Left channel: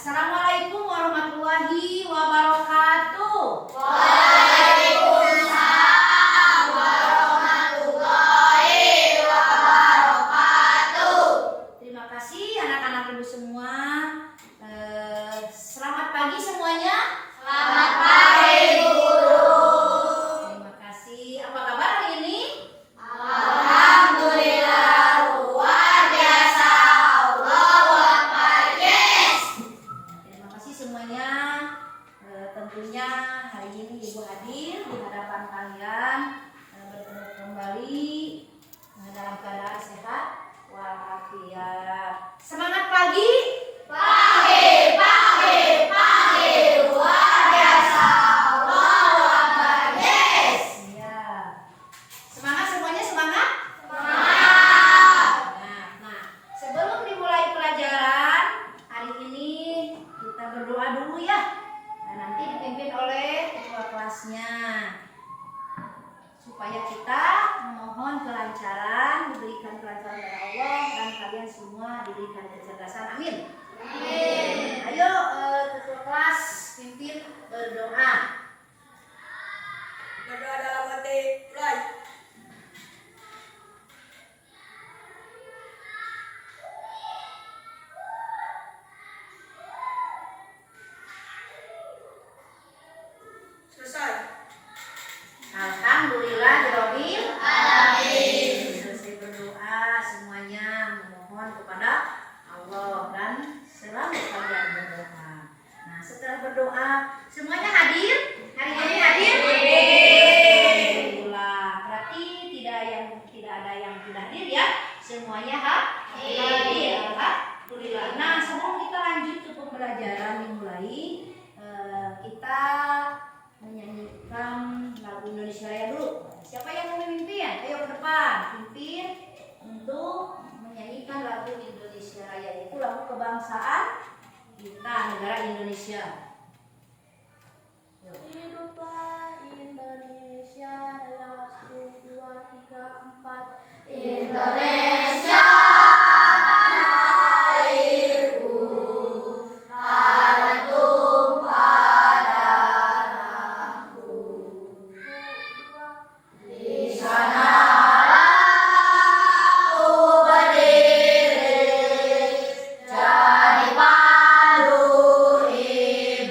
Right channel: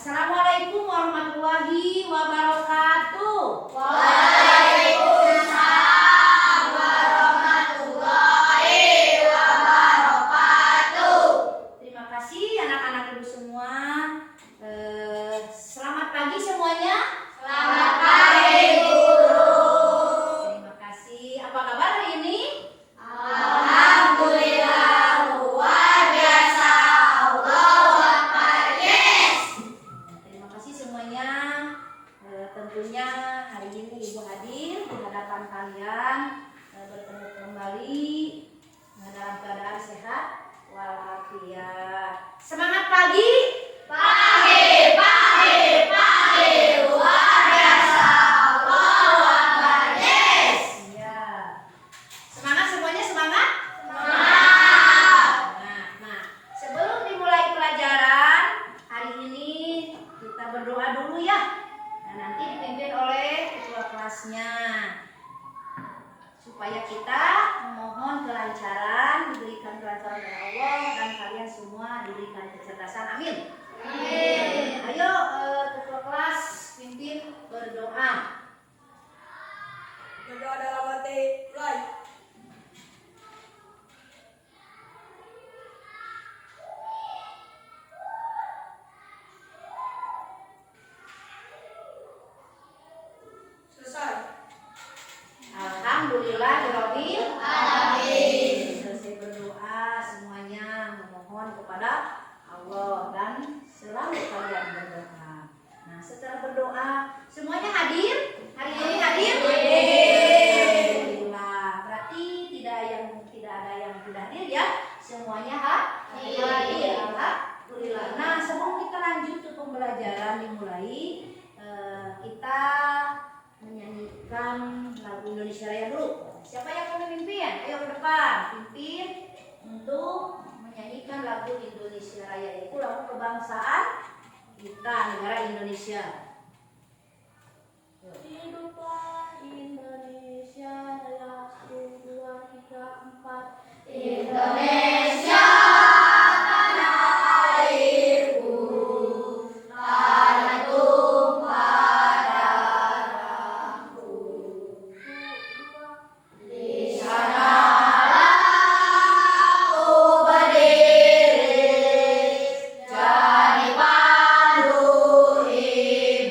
Assalamualaikum warahmatullahi wabarakatuh. Waalaikumsalam warahmatullahi wabarakatuh. Terima kasih anak-anak ibu semua. Selamat pagi semuanya. Selamat pagi guru. Terima kasih. Apa kabar hari ini? Alhamdulillah luar biasa. Allahu Akbar. Yes. Terima kasih semuanya. Tentunya hari ini ibu hadir di hadapan kalian bertemu kembali dalam keadaan sehat walafiat. Semangat pagi. Pagi, luar biasa. Allahu Akbar. Yes. Iya. Semangat semuanya, semangat. Semangat. Nah, sebelum dimulai pelajaran hari ini kita berdoa dulu ya. Nah, nanti dipimpin oleh ketua kelasnya supaya kita memohon kelancaran, diberikan kelancaran dari Allah dan kalian semua diberikan kecerdasan. Amin. Amin. Ayo ketua kelas pimpin berdoa. Berdoa dalam hati. Mulai. Selesai. Alhamdulillahirobbil Alamin. Selesai berdoa semuanya memohon kepada Allah dan selalu kalian berdoa. Nah, setelah berdoa semuanya hadir. Hari ini hadir. Alhamdulillah. Berarti tidak ada yang tidak hadir ya. Semuanya hadir. Alhamdulillah. Nah, sebelum kita lanjut ke pembelajaran dimulai, kita menyanyikan lagu Indonesia Raya dulu. Siapa yang mau memimpin? Ayo ke depan, pimpin untuk menyanyikan lagu Indonesia Raya. Itu lagu kebangsaan kita, negara Indonesia. Yuk. Hiduplah Indonesia Raya, 1, 2, 3, 4. Indonesia tanah airku, tanah tumpah darahku. Di sanalah aku berdiri, jadi pandu ibu.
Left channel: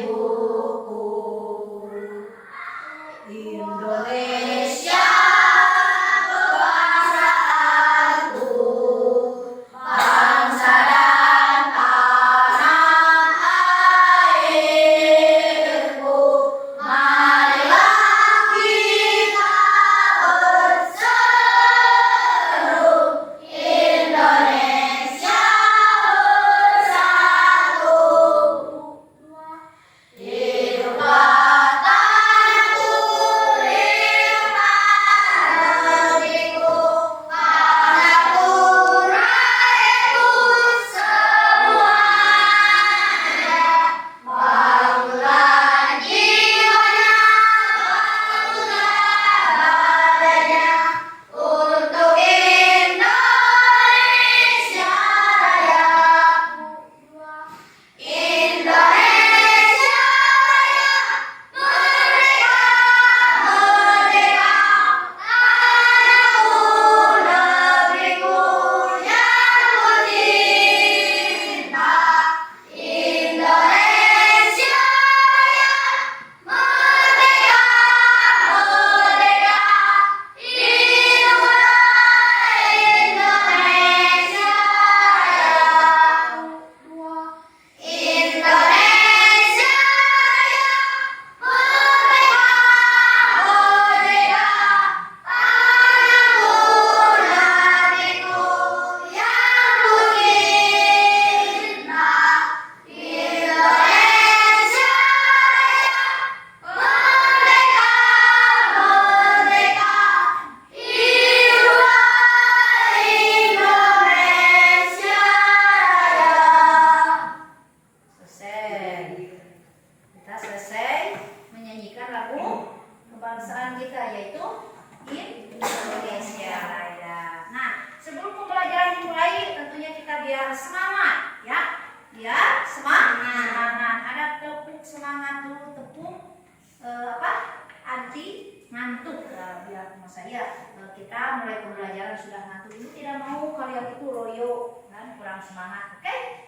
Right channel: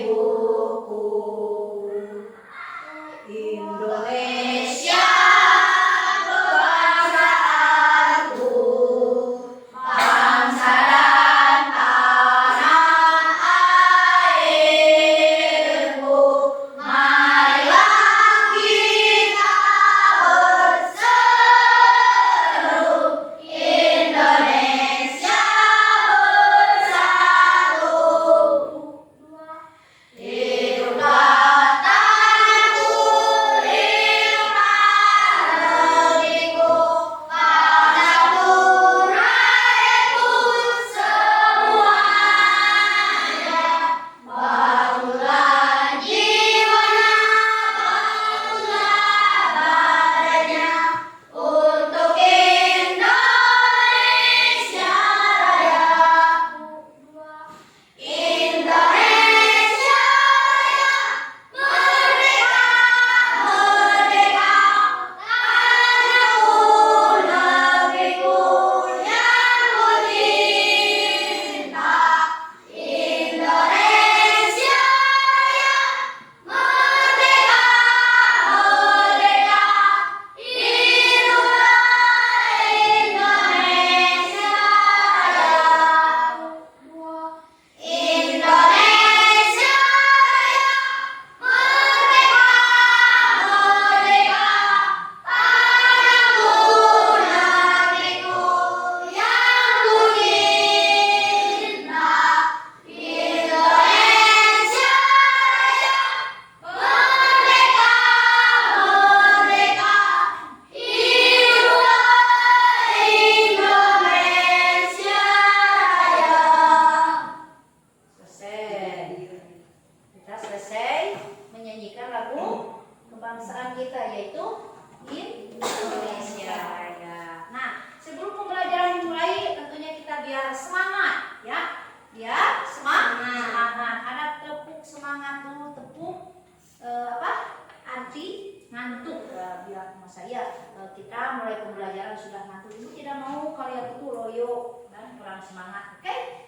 sama saya. Kita mulai pembelajaran sudah ngantuk, ibu tidak mau kalian itu loyo dan kurang semangat. Oke?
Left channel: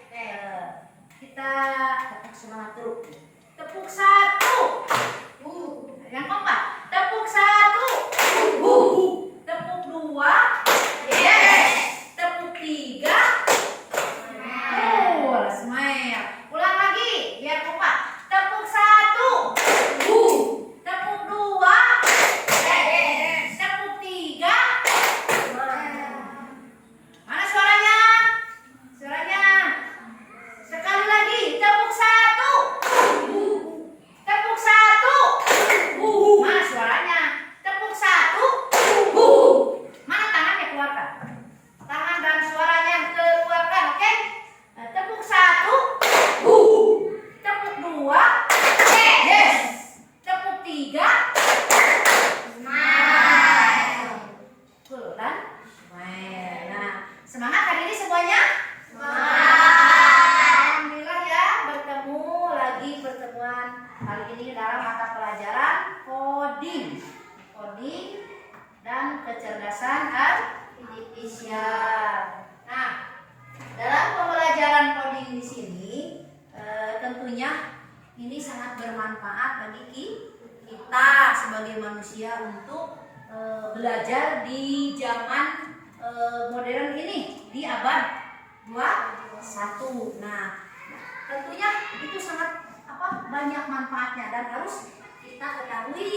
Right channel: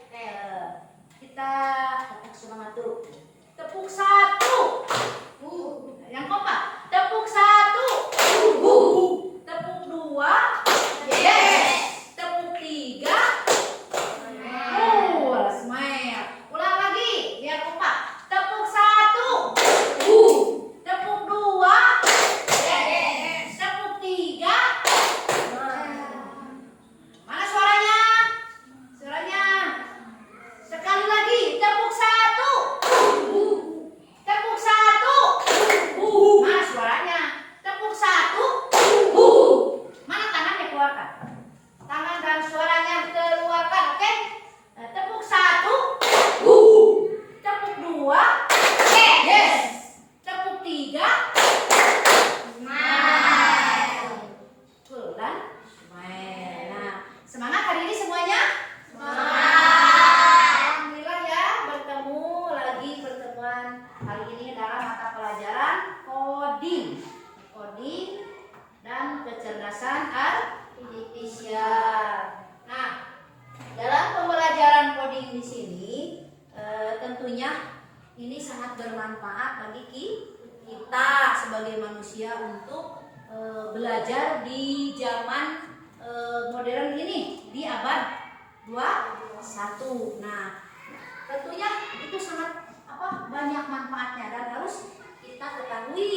Kita tepuk semangat dulu. Tepuk 1. Yang keempat, tepuk 1. Tepuk 2. Yes. Tepuk 3. Smile. Ulang lagi biar kompak. Tepuk 1. Tepuk 2. Yes. Tepuk 3. Mana suaranya? Suaranya. Sekali lagi. Tepuk 1. Tepuk 1. Mana suaranya? Tepuk 1. Mana tangannya keluarkan? Tangan dan suaranya keluarkan, oke? Tepuk 1. Tepuk 2. Yes. Tepuk 3. Smile. Cool dan smile. Nah, semangat hari ini semuanya? Alhamdulillah ya, bertemu lagi pertemuan kali ini dalam mata pelajaran coding. Coding dan kecerdasan artifisial. Nah, dalam pembelajaran coding di sini tentunya ini sangat bermanfaat bagi kita sebagai manusia untuk belajar di zaman modern ini, di abad 21. Nah, tentunya itu sangat banyak manfaatnya dan harus kita ketahui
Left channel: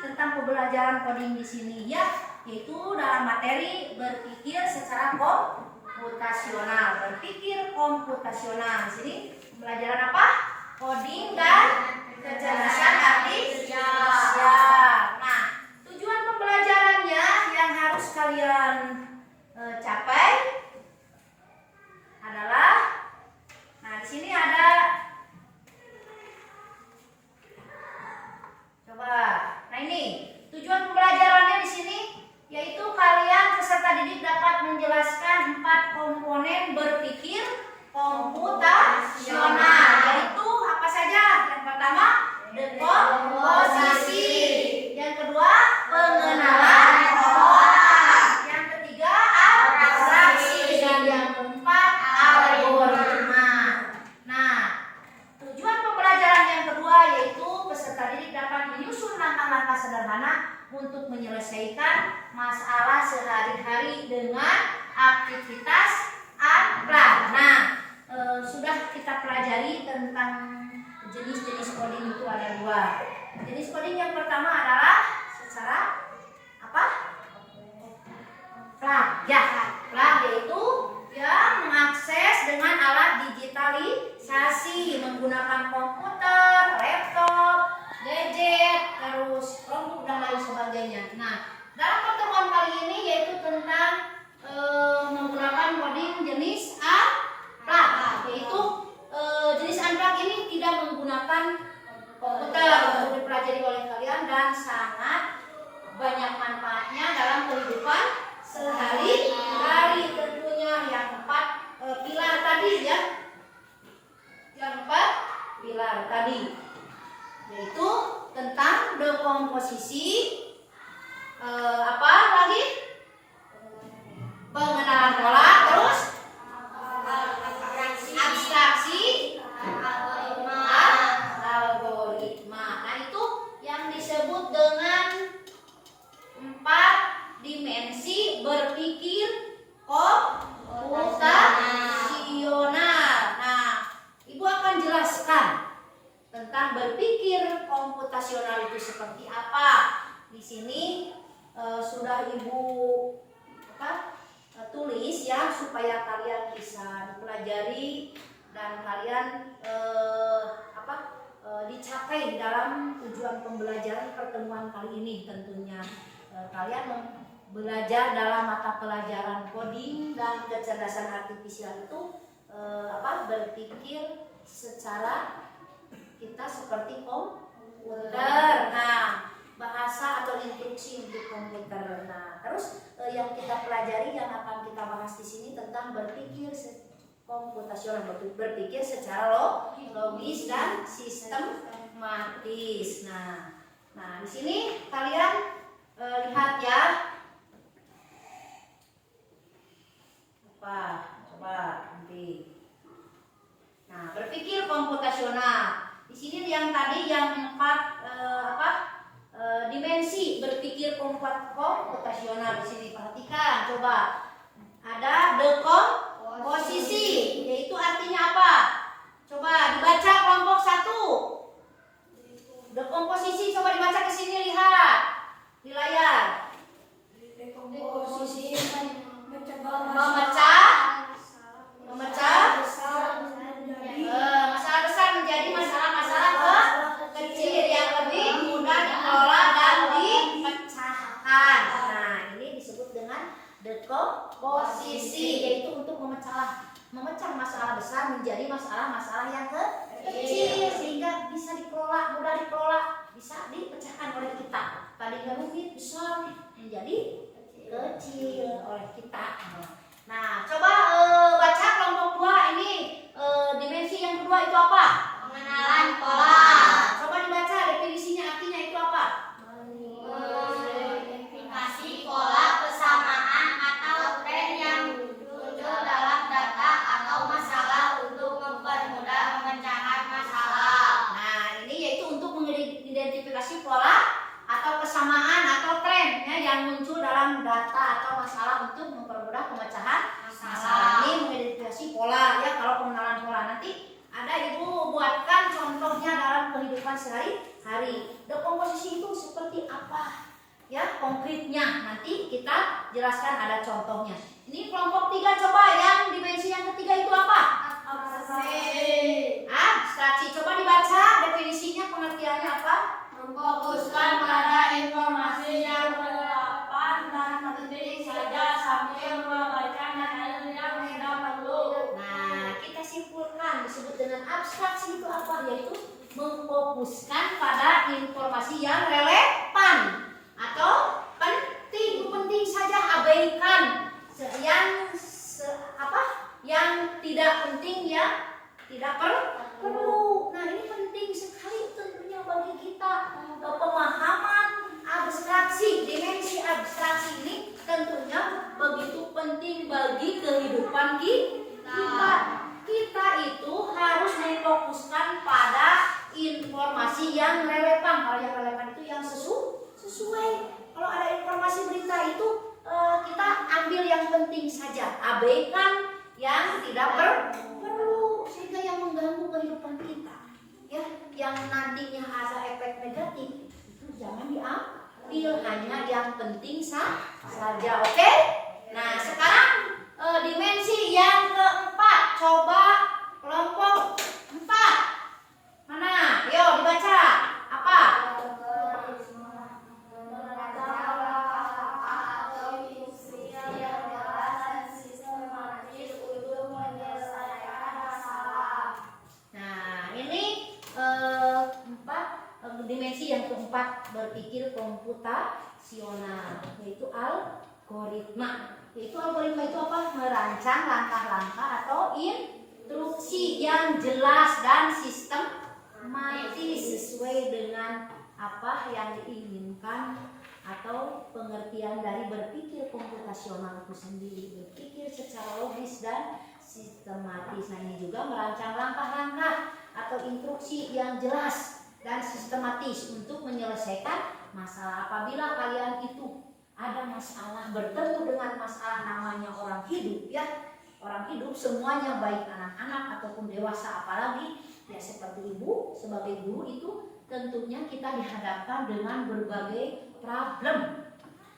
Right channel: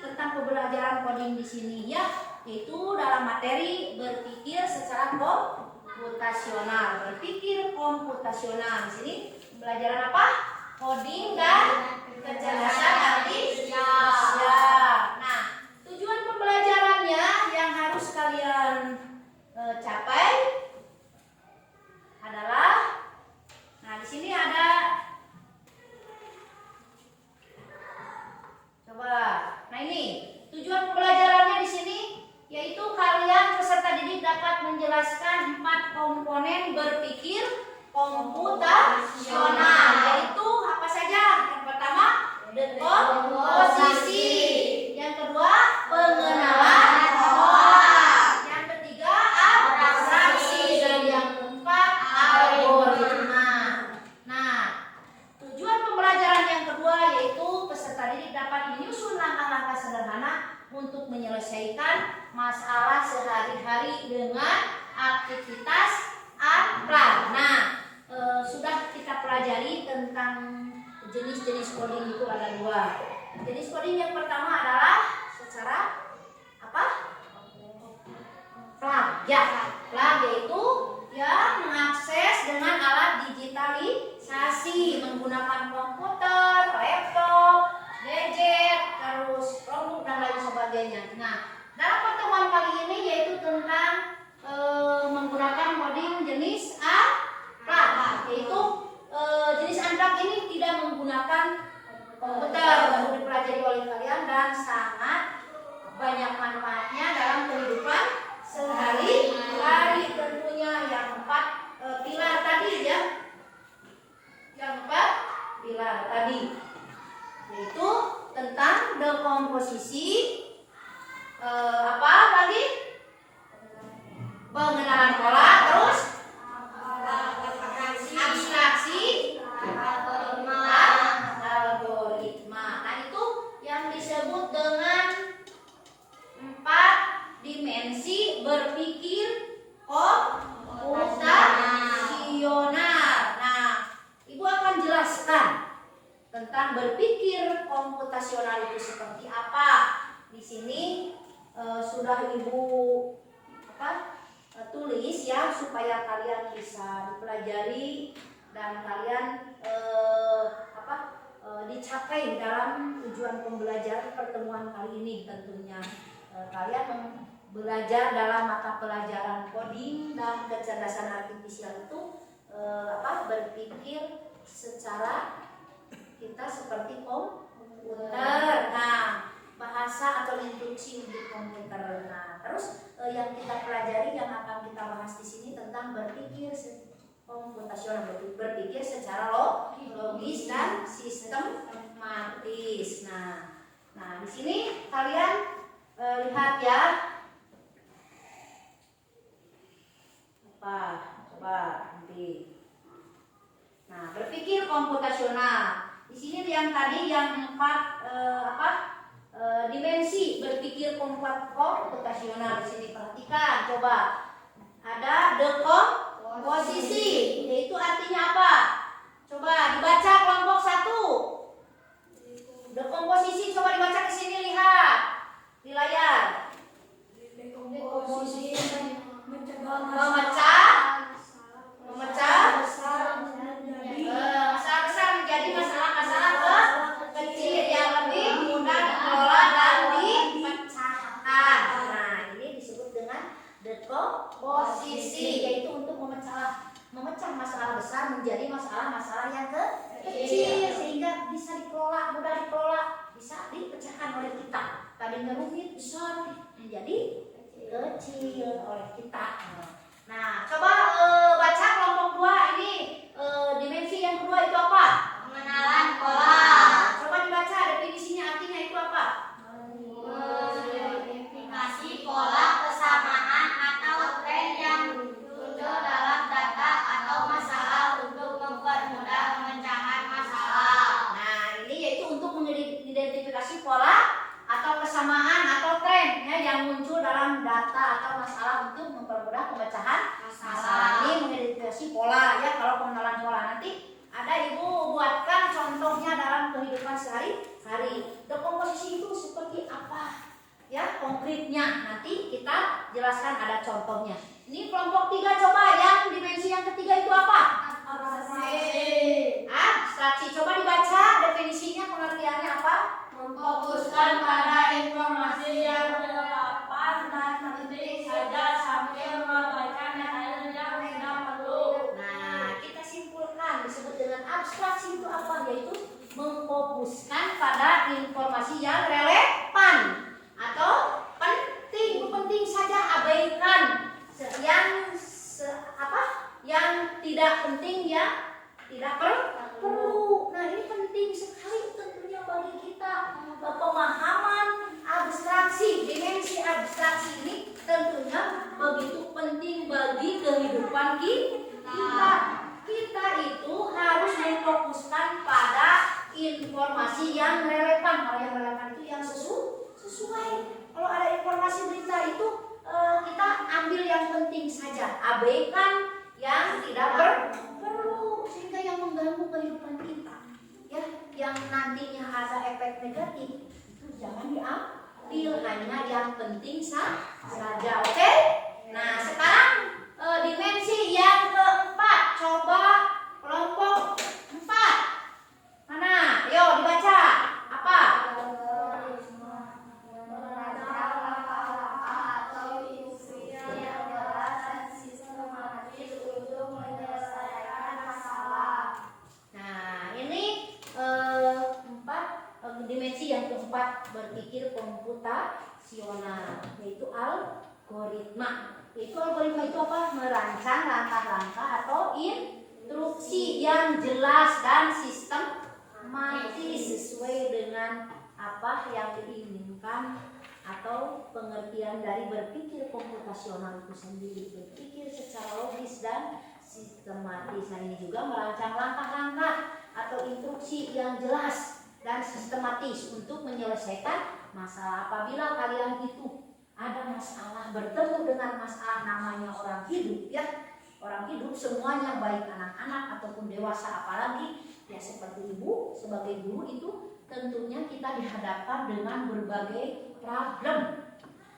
tentang pembelajaran coding di sini ya, yaitu dalam materi berpikir secara komputasional. Berpikir komputasional. Di sini pembelajaran apa? Coding dan kecerdasan artifisial. Nah, tujuan pembelajarannya yang harus kalian capai adalah, nah di sini ada, coba, nah ini tujuan pembelajarannya di sini yaitu kalian peserta didik dapat menjelaskan 4 komponen berpikir komputasional, yaitu apa saja? Yang pertama, dekomposisi. Yang kedua, pengenalan pola. Yang ketiga, abstraksi. Dan yang keempat, algoritma. Nah, tujuan pembelajaran yang kedua yaitu peserta didik dapat menyusun langkah-langkah sederhana untuk menyelesaikan masalah sehari-hari dengan aktivitas unplan. Nah, sudah kita pelajari tentang jenis-jenis coding itu ada 2. Jenis coding yang pertama adalah secara apa? Plug. Ya, plug yaitu ya mengakses dengan alat digitalisasi menggunakan komputer, laptop, gadget, terus Chromebook dan lain sebagainya. Nah, dalam pertemuan kali ini yaitu tentang menggunakan coding jenis unplug, yaitu jenis unplug ini tidak menggunakan komputer untuk dipelajari oleh kalian dan sangat banyak manfaatnya dalam kehidupan sehari-hari. Tentunya yang 4 pilar tadi ya, yang 4 pilar tadi yaitu tentang dekomposisi, apa lagi? Pengenalan pola, terus abstraksi, algoritma. Nah, itu yang disebut dengan 4 dimensi berpikir komputasional. Nah, Ibu akan jelaskan tentang berpikir komputasional itu seperti apa. Di sini sudah Ibu tulis ya supaya kalian bisa dipelajari dan kalian dicapai dalam tujuan pembelajaran pertemuan kali ini. Tentunya kalian belajar dalam mata pelajaran coding dan kecerdasan artifisial itu berpikir secara kita seperti komputer. Nah, bahasa atau instruksi untuk komputer. Nah, terus yang kita pelajari, yang akan kita bahas di sini tentang berpikir komputasional, berpikir secara logis dan sistematis. Nah, di sini kalian lihat ya. Apa? Coba nanti. Nah, berpikir komputasional. Di sini yang tadi yang 4 dimensi berpikir komputasional di sini perhatikan. Coba ada dekomposisi, yaitu artinya apa? Coba dibaca kelompok 1. Dekomposisi coba dibaca ke sini, lihat di layar. Dekomposisi memecah masalah besar menjadi masalah-masalah kecil yang lebih mudah dikelola dan dipecahkan. Nah, ini disebut dengan dekomposisi, yaitu untuk memecah masalah besar menjadi masalah-masalah yang kecil sehingga bisa dikelola, mudah dikelola, bisa dipecahkan oleh kita. Tadinya rumit besar menjadi kecil oleh kita. Nah, coba baca kelompok 2 ini. Dimensi yang kedua itu apa? pengenalan pola. Coba dibaca definisinya, artinya itu apa? Mengidentifikasi pola, kesamaan atau tren yang muncul dalam data atau masalah untuk mempermudah pemecahan masalah. Nah, ini yaitu untuk mengidentifikasi pola atau kesamaan atau tren ya, yang muncul dalam data atau masalah untuk mempermudah pemecahan masalah. Ini mengidentifikasi pola ya. Kalau pengenalan pola nanti ada ibu buatkan contohnya dalam kehidupan sehari-hari. Dekomposisi itu seperti apa? Ya, konkretnya nanti kita jelaskan, ada contohnya. Ini kelompok 3, coba yang dimensi yang ketiga itu apa? Abstraksi. Coba dibaca definisinya, pengertiannya apa? Memfokuskan pada informasi yang relevan dan penting saja sambil mengabaikan hal yang tidak perlu. Nah, kita simpulkan disebut dengan abstraksi itu apa? Yaitu memfokuskan pada informasi yang relevan atau penting saja, abaikan yang tidak penting, yang tidak perlu. Nah, ini penting sekali tentunya bagi kita. Pemahaman abstraksi, dimensi abstraksi ini tentunya begitu penting bagi kehidupan kita. Kita itu harus memfokuskan pada informasi yang relevan. Kalau yang relevan itu yang sesuai. Kalau ada informasi berita itu kita ambil yang penting saja, abaikan yang tidak perlu sehingga yang mengganggu kehidupan kita. Ya, yang nantinya ada efek negatif itu jangan diambil, hanya yang penting saja. Oke? Nah, sekarang dimensi yang keempat. Coba kelompok 4. Mana? Ayo dibaca. Apa? Dimensi yang keempat berpikir komputasional, yaitu algoritma. Yaitu algoritma itu apa? Merancang langkah-langkah atau instruksi yang jelas dan sistematis sesuai dengan apa yang diinginkan atau pengertian dari berpikir komputasional itu sendiri. Berpikir secara logis dan sistematis. Nah, ini juga merancang langkah-langkah atau instruksi yang jelas dan sistematis untuk menyelesaikan masalah. Apabila kalian itu ada masalah, bertemu dengan masalah, namanya orang hidup ya. Orang hidup semuanya, baik anak-anak ataupun dewasa, apalagi ya seperti ibu sebagai guru itu tentunya kita dihadapkan dengan berbagai problem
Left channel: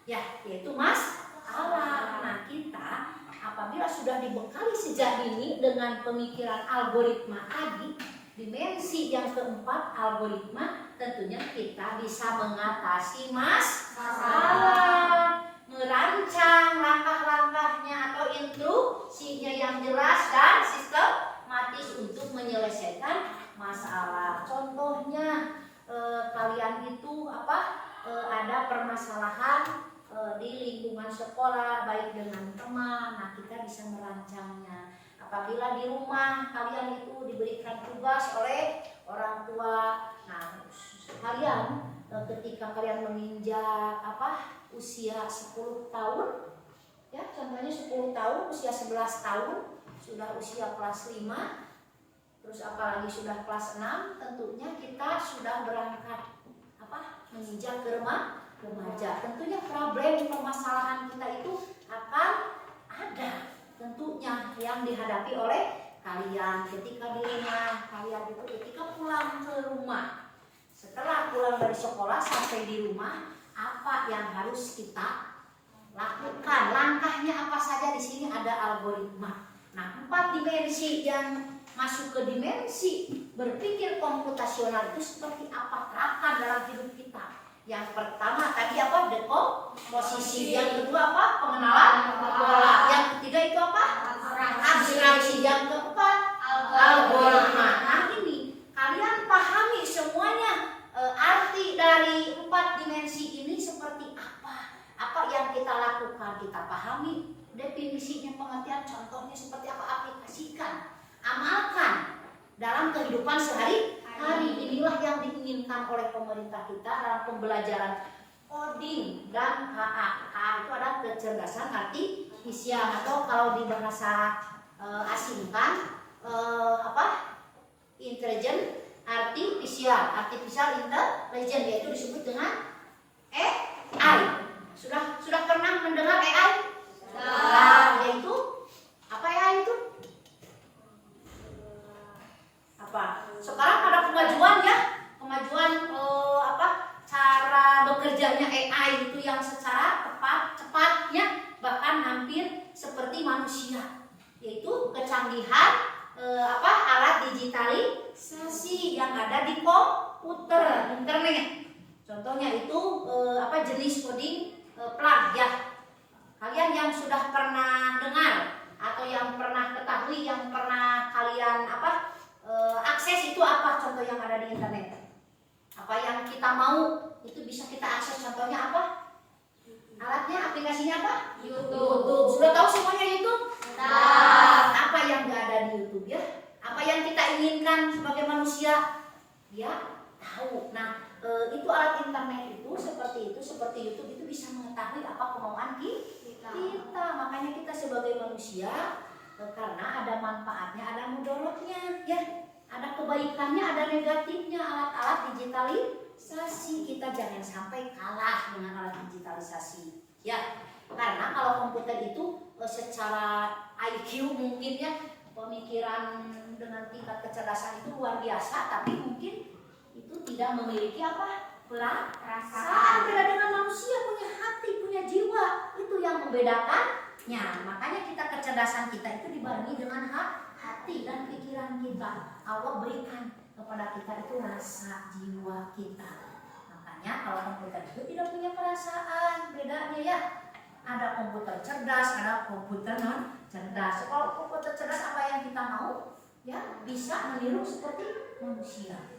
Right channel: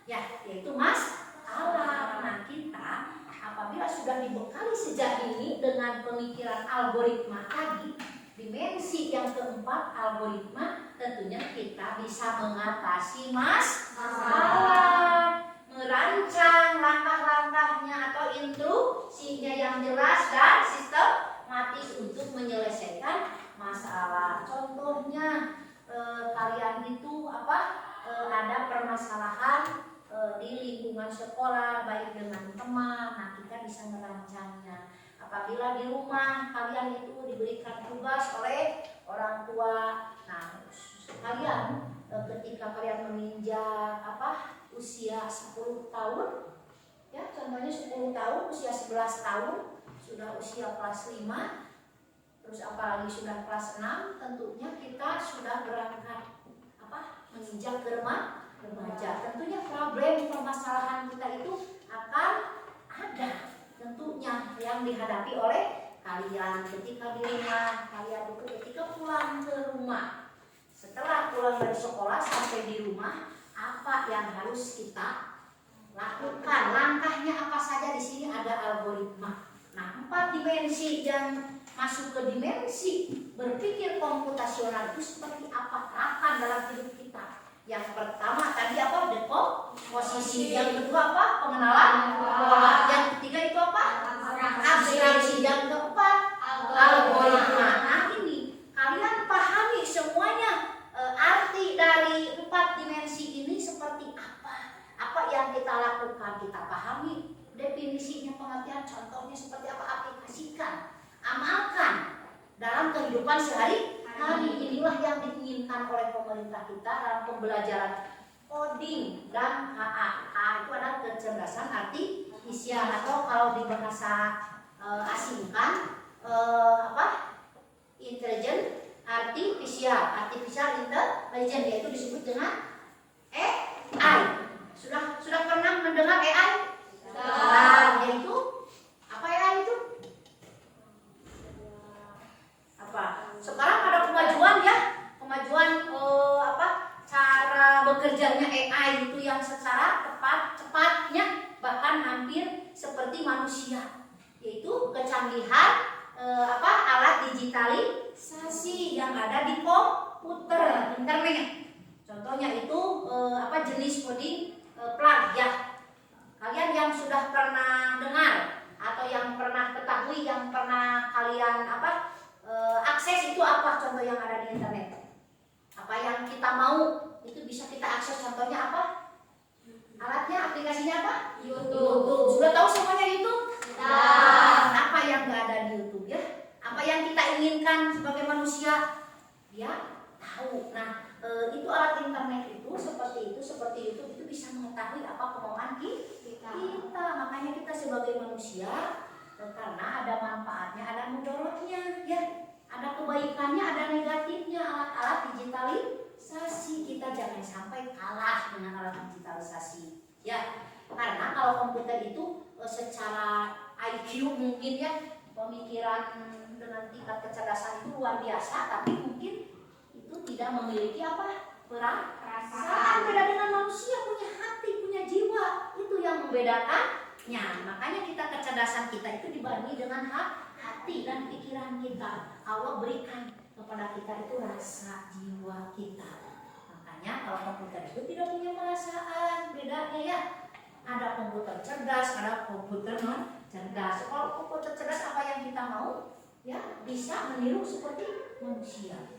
ya, yaitu masalah. Nah, kita apabila sudah dibekali sejak ini dengan pemikiran algoritma tadi, dimensi yang keempat algoritma, tentunya kita bisa mengatasi masalah, merancang langkah-langkahnya atau instruksinya yang jelas dan sistematis untuk menyelesaikan masalah. Contohnya kalian itu ada permasalahan di lingkungan sekolah baik dengan teman. Nah, kita bisa merancangnya. Apabila di rumah kalian itu diberikan tugas oleh orang tua, nah kalian ketika kalian menginjak usia 10 tahun, ya contohnya 10 tahun, usia 11 tahun, sudah usia kelas 5, terus apalagi sudah kelas 6, tentunya kita sudah berangkat menginjak remaja. Tentunya problem permasalahan kita itu akan ada tentunya yang dihadapi oleh kalian ketika di rumah. Kalian itu ketika pulang ke rumah, setelah pulang dari sekolah sampai di rumah, apa yang harus kita lakukan? Langkahnya apa saja? Di sini ada algoritma. Nah, 4 dimensi yang masuk ke dimensi berpikir komputasional itu seperti apa? Terapkan dalam hidup kita. Yang pertama tadi dekomposisi, yang kedua pengenalan pola, yang ketiga itu abstraksi, yang keempat algoritma. Nah, ini kalian pahami semuanya arti dari 4 dimensi ini seperti apa yang kita lakukan, kita pahami definisinya, pengertian, contohnya seperti apa, aplikasikan, amalkan dalam kehidupan sehari-hari. Inilah yang diinginkan oleh pemerintah kita dalam pembelajaran coding dan HA. HA itu adalah kecerdasan artifisial, atau kalau di bahasa asingkan intelligent artificial intelligence, yaitu disebut dengan AI. Sudah pernah mendengar AI? Yaitu apa AI itu? Sekarang ada kemajuan cara bekerjanya AI itu yang secara cepatnya bahkan hampir seperti manusia, yaitu kecanggihan alat digitalisasi yang ada di komputer internet. Contohnya itu jenis coding plug ya. Kalian yang sudah pernah dengar atau yang pernah ketahui, yang pernah kalian akses itu apa contoh yang ada di internet? Apa yang kita mau itu bisa kita akses, contohnya apa? Alatnya, aplikasinya apa? YouTube. Sudah tahu semuanya YouTube? Apa yang nggak ada di YouTube ya? Apa yang kita inginkan sebagai manusia? Ya, tahu. Nah, itu alat internet itu seperti YouTube itu bisa mengetahui apa kemauan kita. Makanya kita sebagai manusia, karena ada manfaatnya, ada mudaratnya, ya, ada kebaikannya, ada negatifnya. Alat-alat digitalisasi, kita jangan sampai kalah dengan alat digitalisasi, ya. Karena kalau komputer itu secara IQ mungkin ya, pemikiran dengan tingkat kecerdasan itu luar biasa, tapi mungkin itu tidak memiliki perasaan. Beda dengan manusia, punya hati, punya jiwa, itu yang membedakannya. Makanya kecerdasan kita itu dibarengi dengan hati dan pikiran kita. Allah berikan kepada kita itu rasa jiwa kita. Makanya kalau komputer itu tidak punya perasaan, bedanya ya. Ada komputer cerdas, ada komputer non cerdas. Kalau komputer cerdas, apa yang kita mau, ya bisa meniru seperti manusia.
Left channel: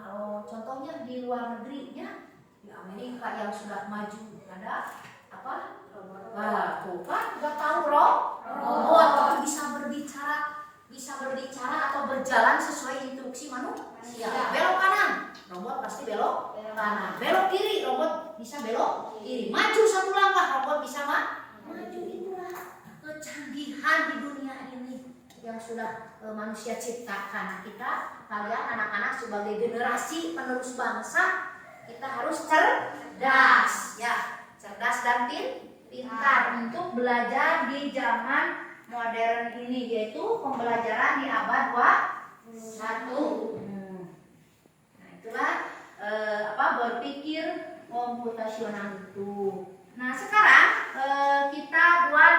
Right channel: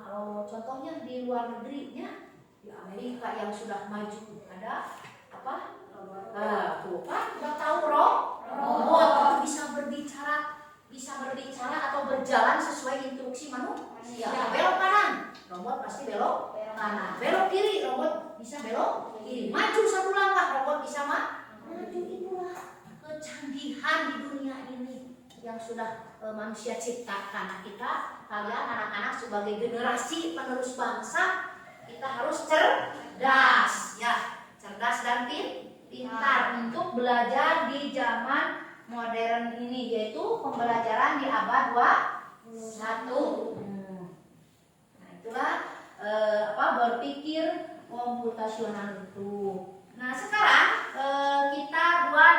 Kalau contohnya di luar negerinya, di Amerika yang sudah maju, ada tuh kan nggak tahu robot bisa berbicara atau berjalan sesuai instruksi manusia. Belok kanan, robot pasti belok kanan. Belok kiri, robot bisa belok kiri. Maju satu langkah, robot bisa maju. Itulah kecanggihan di dunia ini yang sudah manusia ciptakan. Kalian anak-anak sebagai generasi penerus bangsa, kita harus cerdas, ya, cerdas dan pintar untuk belajar di zaman modern ini, yaitu pembelajaran di abad 21. Nah, itulah berpikir komputasional itu. Nah, sekarang kita buat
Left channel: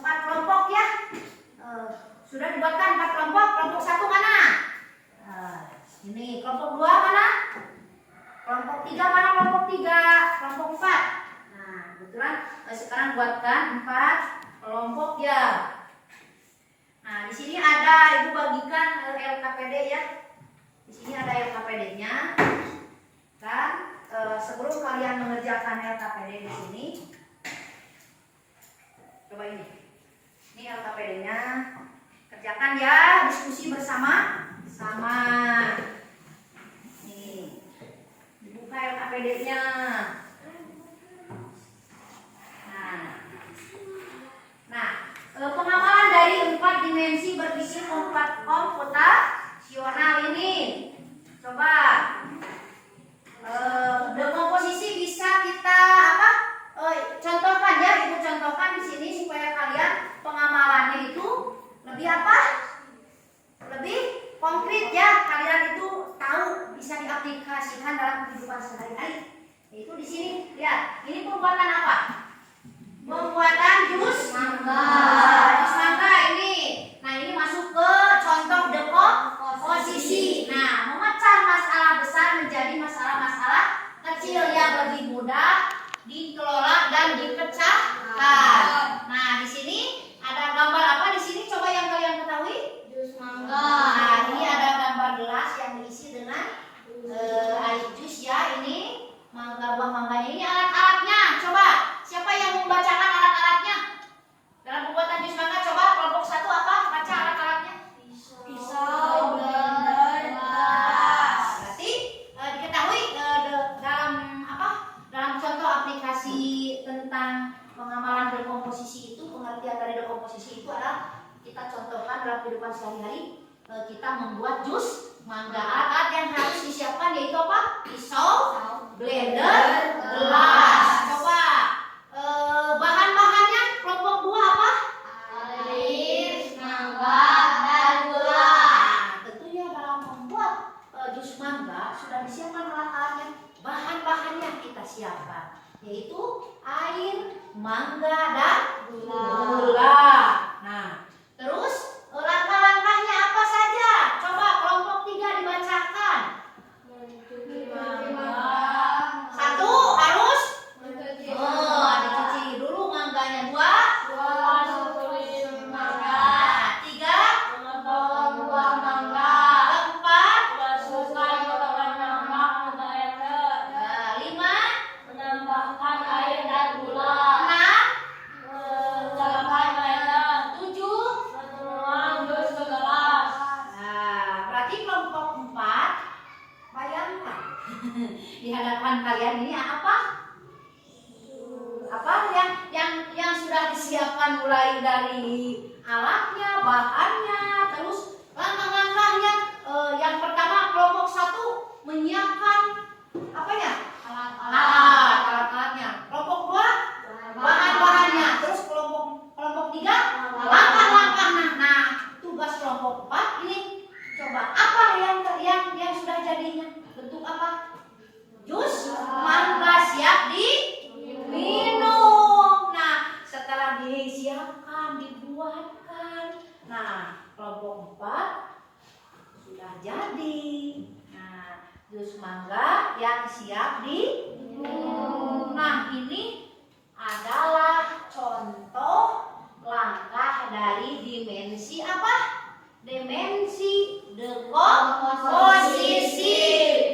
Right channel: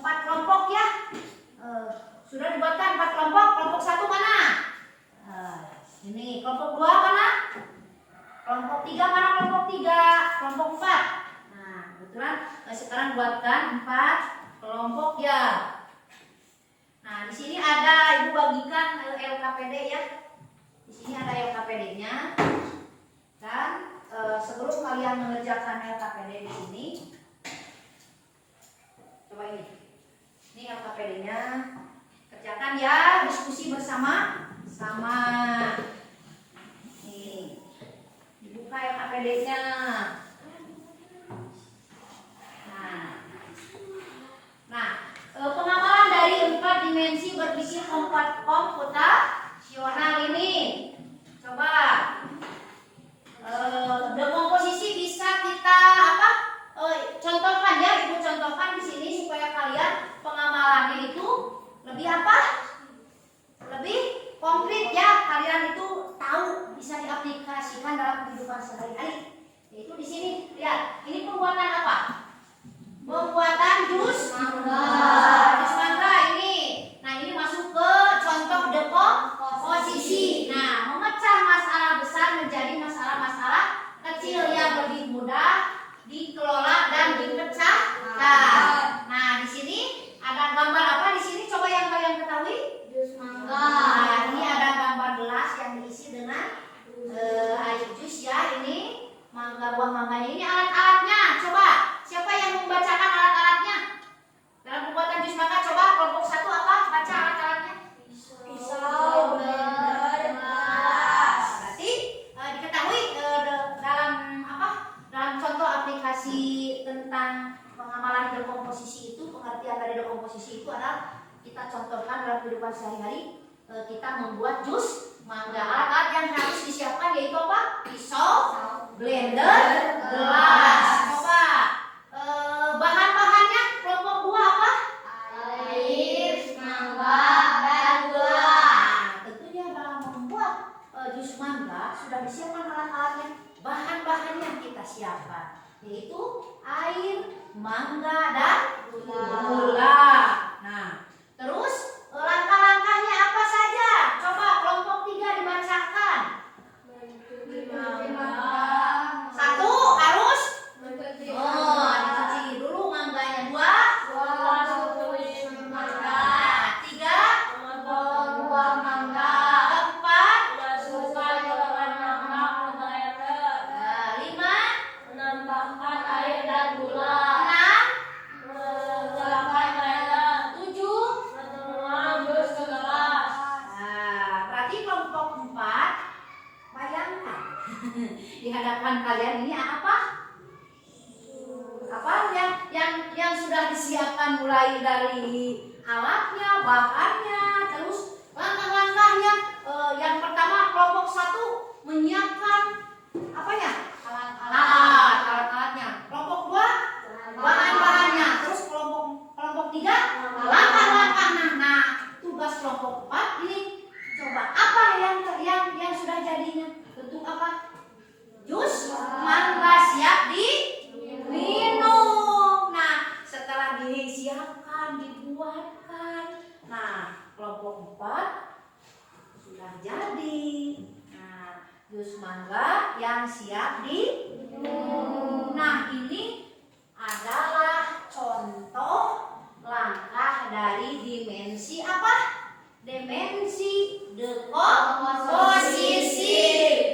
4 kelompok ya. Sudah dibuatkan 4 kelompok. Kelompok 1 mana? Ini kelompok 2 mana? Kelompok 3 mana? Kelompok 3, kelompok 4. Nah, kebetulan sekarang buatkan 4 kelompok ya. Nah, di sini ada, Ibu bagikan LKPD ya. Di sini ada LKPD-nya. Dan sebelum kalian mengerjakan LKPD di sini, coba ini. Ini LKPD-nya. Kerjakan ya, diskusi bersama. Ini. Dibuka PD-nya. Nah, pengamalan dari 4 dimensi berisi komputasional ini. Coba dekomposisi bisa kita apa? Contohkan ya, Ibu contohkan di sini supaya kalian pengamalannya itu lebih apa? Lebih konkret ya. Kalian itu tahu bisa diaplikasikan dalam kehidupan sehari-hari. Yaitu di sini lihat, ini pembuatan apa? Pembuatan jus mangga. Jus mangga ini. Nah, ini masuk ke contoh dekomposisi. Nah, memecah masalah besar menjadi masalah-masalah kecil yang lebih mudah dikelola dan dipecahkan. Nah, di sini ada gambar apa di sini? Coba yang kalian ketahui? Jus mangga. Nah, ini ada gambar gelas yang diisi dengan air jus ya. Ini mangga, buah mangganya. Ini alat-alatnya. Coba siapa yang membacakan alat-alatnya dalam pembuatan jus mangga? Coba kelompok 1 apa? Baca alat-alatnya. Pisau, blender, gelas. Berarti diketahui dalam apa? Dalam contoh aplikasi tentang pengamalan dekomposisi itu, pengertian dari dekomposisi itu adalah kita contohkan dalam kehidupan sehari-hari. Kita membuat jus mangga. Alat-alat yang harus disiapkan yaitu apa? Pisau, blender, gelas. Coba bahan-bahannya kelompok 2 apa? Air, mangga, dan gula. Nah, tentunya dalam membuat jus mangga sudah disiapkan alat-alatnya. Bahan-bahannya kita siapkan yaitu air, mangga, dan gula. Nah, terus langkah-langkahnya apa saja? Coba kelompok 3 dibacakan. Mencuci mangga. 1 harus Mencuci dicuci dulu mangganya. 2 mencuci mangga. 3 Memotong buah mangga. 4 Masukkan potongan mangga ke blender. 5 Menambahkan air dan gula. 6 Menambahkan blender. 7. Menuang jus ke gelas. Nah, berarti kelompok 4 bayangkan di hadapan kalian ini apa? Apa yang sudah disiapkan mulai dari alatnya, bahannya, terus langkah-langkahnya. Yang pertama kelompok 1 menyiapkan apa ya? Alat-alatnya. Kelompok 2 bahan-bahannya. Terus kelompok 3 langkah-langkahnya. Nah, tugas kelompok 4 ini coba apa yang sudah jadinya? Bentuk apa? Jus mangga siap diminum. Nah, setelah disiapkan, dibuatkan. Nah, kelompok 4 sudah jadi. Nah, jus mangga yang siap diminum. Nah, ini adalah contoh langkah dari dimensi apa? Dimensi dekomposisi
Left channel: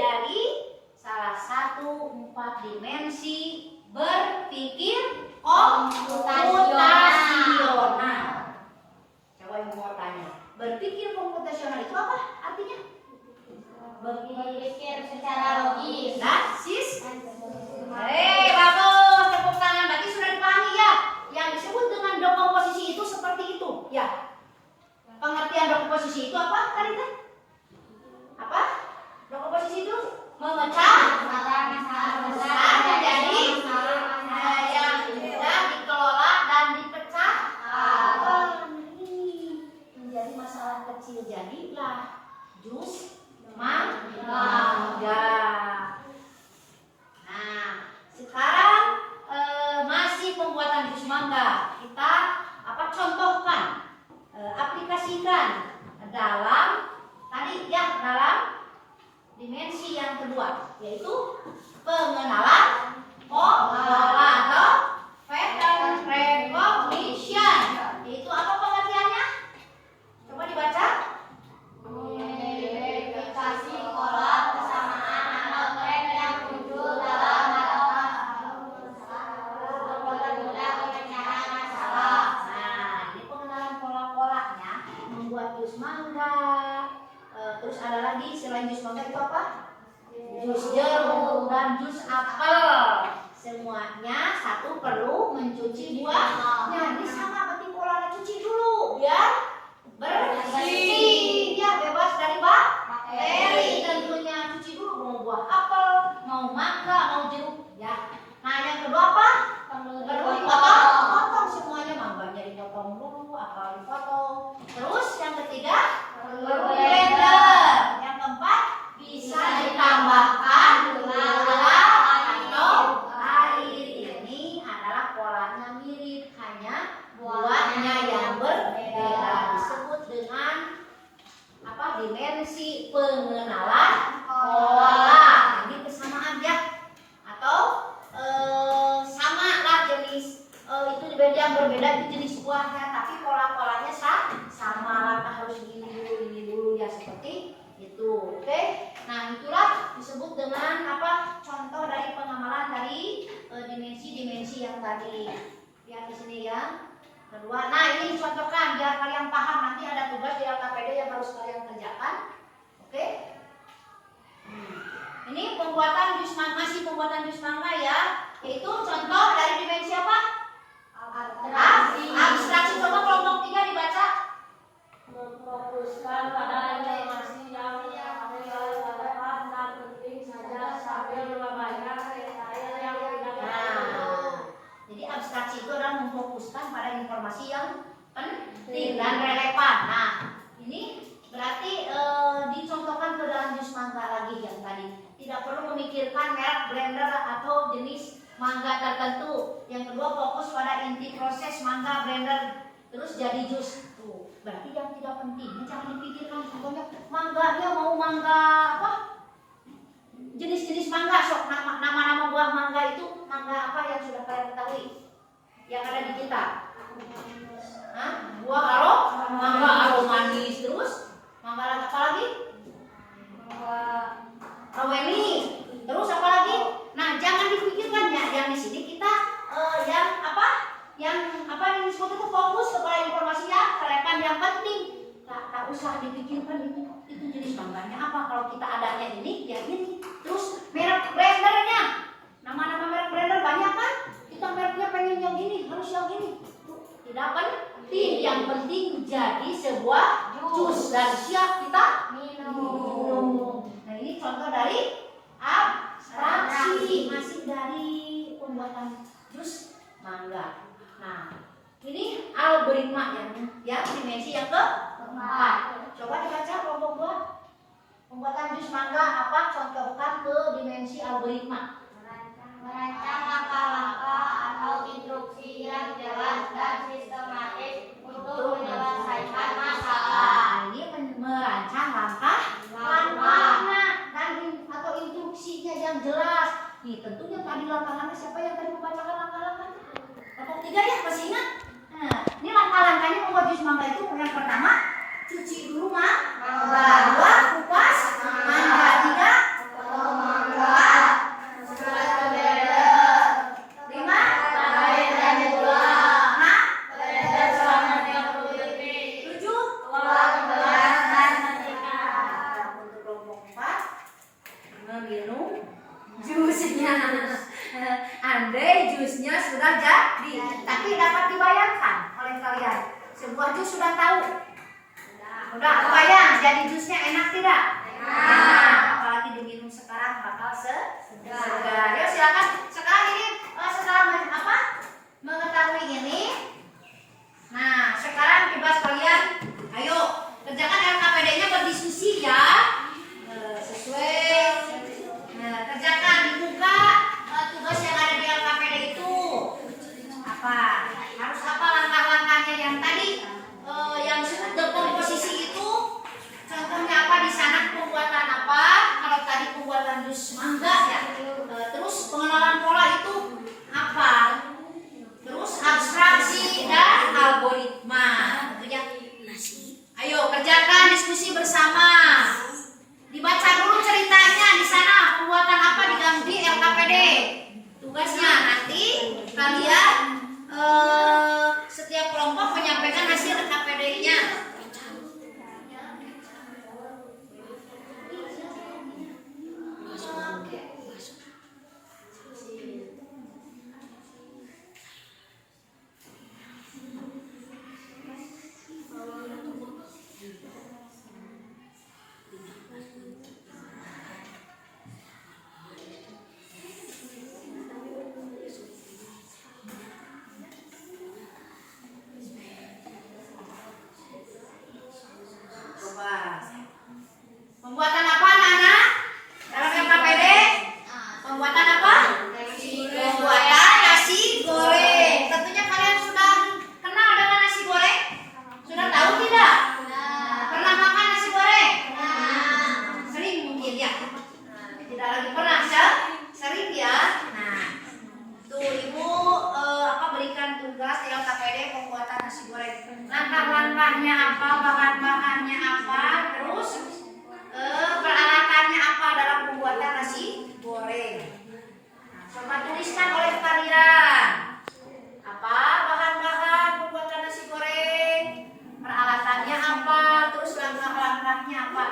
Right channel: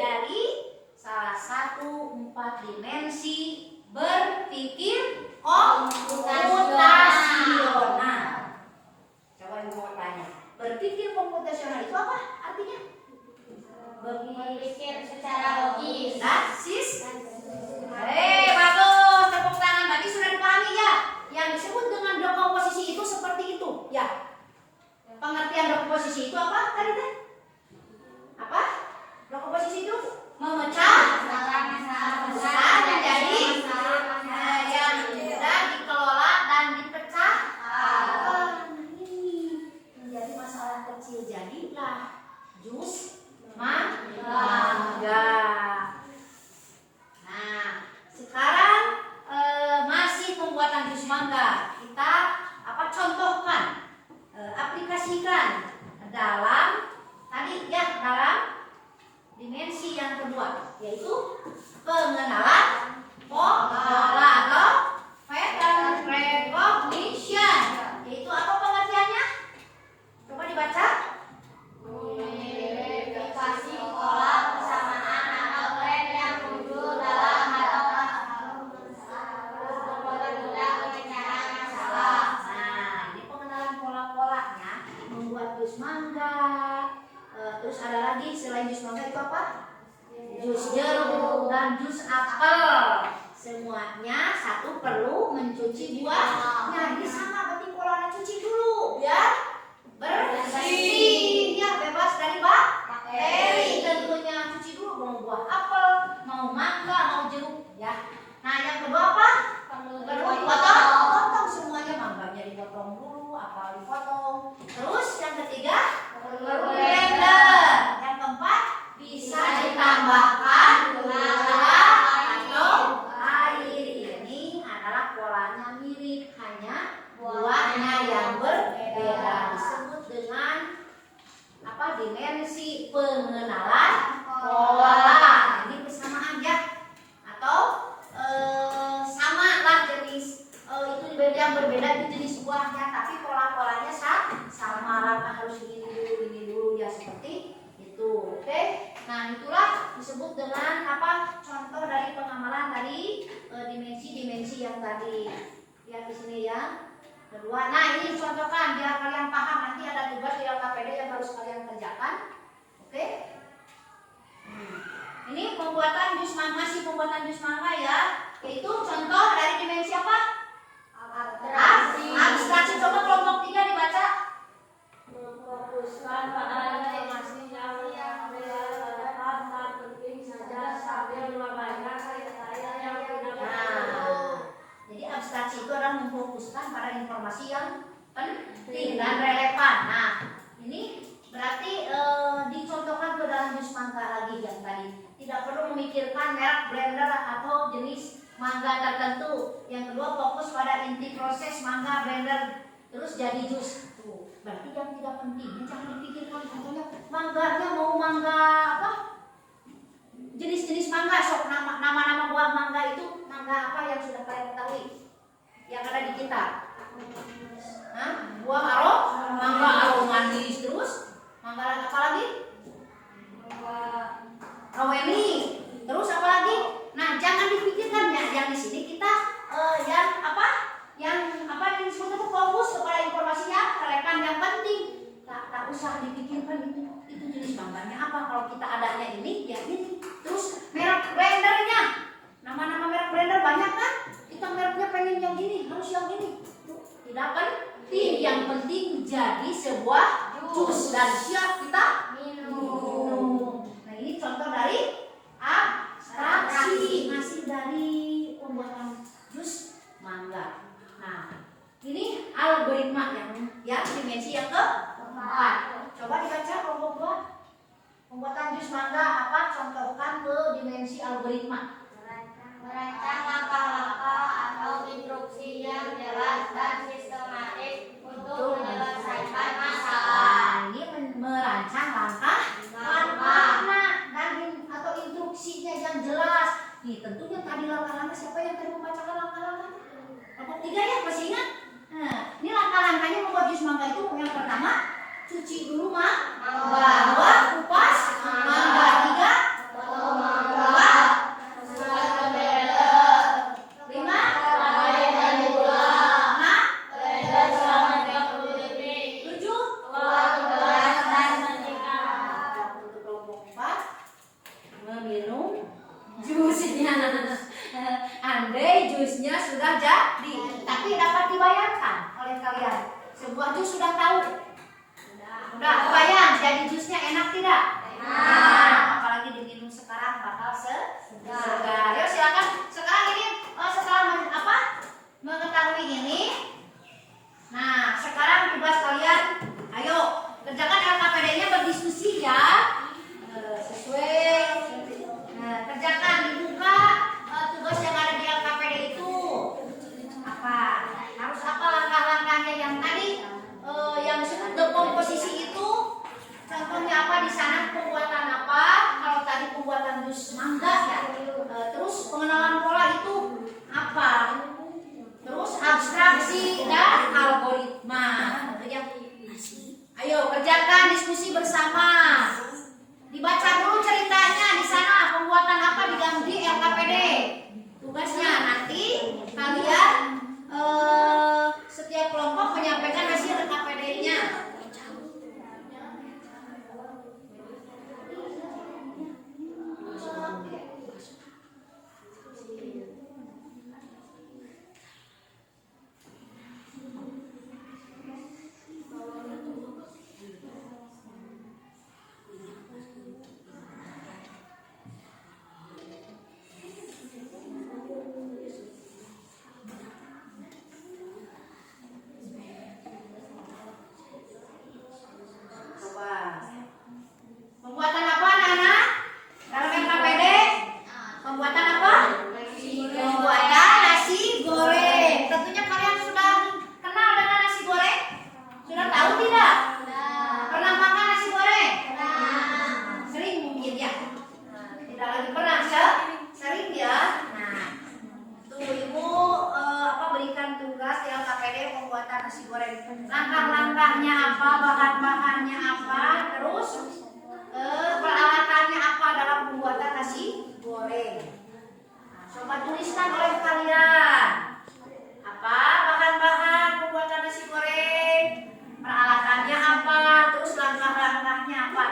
dari salah satu 4 dimensi berpikir komputasional. Coba Ibu mau tanya, berpikir komputasional itu apa artinya? Berpikir secara logis. Bagus, tepuk tangan. Berarti sudah dipahami ya. Yang disebut dengan dekomposisi itu seperti itu, ya. Pengertian dekomposisi itu apa tadi kan? Apa? Dekomposisi itu memecah Masalah besar menjadi yang mudah dikelola dan dipecahkan. Ini menjadi masalah kecil, jadilah jus mangga. Nah, sekarang masih pembuatan jus mangga. Kita contohkan, aplikasikan dalam tadi ya, dalam dimensi yang kedua, yaitu pengenalan pola atau pattern recognition. Yaitu apa pengertiannya? Coba dibaca. Mengidentifikasi pola persamaan atau tren yang muncul dalam atau kekuatan guna pemecahan masalah. Nah, ini pengenalan pola-polanya membuat jus mangga. Terus ada lagi selain jus mangga itu apa? jus jeruk, dan jus apel. Semuanya satu perlu mencuci buahnya. Ini sama berarti polanya cuci dulu biar bersih. Ya bebas dari bakteri tentunya. Cuci dulu mau buah apel, mau mangga, mau jeruk ya. Nah yang kedua apa? Perlu dipotong semuanya, mangganya dipotong dulu, apel dipotong. Terus yang ketiga perlu blender. Yang keempat bisa ditambahkan gula atau air. Ini adalah polanya mirip, hanya buahnya yang berbeda. Disebut dengan apa? Dimensi pengenalan pola. Ini persamaan ya, atau sama lah jenis itu yang berbeda itu jenis buahnya, tapi pola-polanya sama. Langkah harus ini dulu ya, seperti itu. Oke. Nah itulah disebut dengan apa? Contoh dari pengamalan dari dimensi-dimensi yang tadi. Lihat di sini ya. Kedua, nah ini dicontohkan biar kalian paham. Nanti ada tugas di LKPD yang harus kalian kerjakan. Oke. Ini pembuatan jus mangga, masih pembuatan jus mangga ya. Yaitu contoh dari dimensi apa? Abstraksi. Coba kelompok 3 dibaca. Memfokuskan pada informasi yang relevan dan penting saja sambil membanyak detail yang tidak perlu. Jadi abstraksi itu adalah memfokuskan pada informasi yang penting dan relevan. Nah, ini berarti dicontohkan ke dalam jus mangga lagi yang tadi. Tidak perlu memikirkan merek blender atau jenis mangga tertentu. Yang kedua fokus pada inti proses mangga blender terus jadi jus. Tuh, berarti yang tidak penting jangan dipikirkan. Contohnya mangganya mau mangga apa? Jenis-jenis mangga, sok nama-nama buah mangga itu mangga apa yang sudah kalian ketahui yang ada di kita? Buah mangga aromanis, terus mangga apa lagi? Rawemi, terus apa lagi? Nah jangan dipikirkan ya, yang di sini kita yang yang disebut itu fokus kepada informasi yang relevan yang penting. Tak usah dipikirkan itu jenis mangganya apa. Kalau kita adanya ini ya ini. Terus merek blendernya, nama-nama merek blender banyak kan? Kita mereknya pengen yang ini, harus yang ini. Tuh, tidak penting, yang penting jadi sebuah jus dan siap kita minum. Nah ini contoh dari abstraksi, masih dari pembuatan jus mangga. Nah ini algoritma yang dimensi yang keempat. Coba dibaca kelompok 2. Pembuatan jus mangga apa? Contohkan ke dimensi algoritma. Merancang langkah-langkah atau instruksi yang jelas dan sistematis untuk menyelesaikan masalah. Ini merancang langkah dan atau instruksinya yang jelas. Nih tentunya tadi langkah-langkah, siapa yang tadi membacakan langkah-langkah? Kelompok 3 ya, masih ingat? Nah, ini langkah-langkahnya membuat jus mangga itu yang pertama cuci dulu mangga, 2 kupas mangga, 3 potong mangga, 4 buat ke blender, 5 blender gula, 6 blender selama 30 detik, 7 tuang gelas dan setrika. Untuk kelompok 4 meminum jusnya. Andai jusnya sudah jadi, tapi dapat dibayangkan oleh kalian sebuah jus sudah tahu. Udah kebayang jadi jusnya enak tidak? Nah, apalagi diminum sekarang bakal segar. Yuk silakan sekarang ini setelah mengetahui ini. Nah sekarang tugas kalian, ayo kerjakan LKPD-nya berdiskusi ya. Sesuai. Nah, kerjakan dibuka tugas yang ada di LKPD itu. Apa? Harus apa langkah-langkahnya yang tadi? Yang dekomposisi itu contohnya apa di sana, pembuatan apa? Kalau tadi pembuatan jus mangga ya. Terus pengenalan pola itu apa? Terus abstraksi dan algoritma. Ayo kerjakan diskusi bersama. Dibaca dulu ceritanya di sana pembuatan apa di LKPD. Tugasnya nanti kalian setiap kelompok menyampaikan hasil LKPD-nya. langkah-langkahnya apa, bahan-bahannya apa, terus peralatannya apa dalam pembuatan nasi goreng. Coba tuliskan oleh kalian. Apa bahan-bahan pembuatan nasi goreng? Peralatannya apa? Terus langkah-langkahnya apa?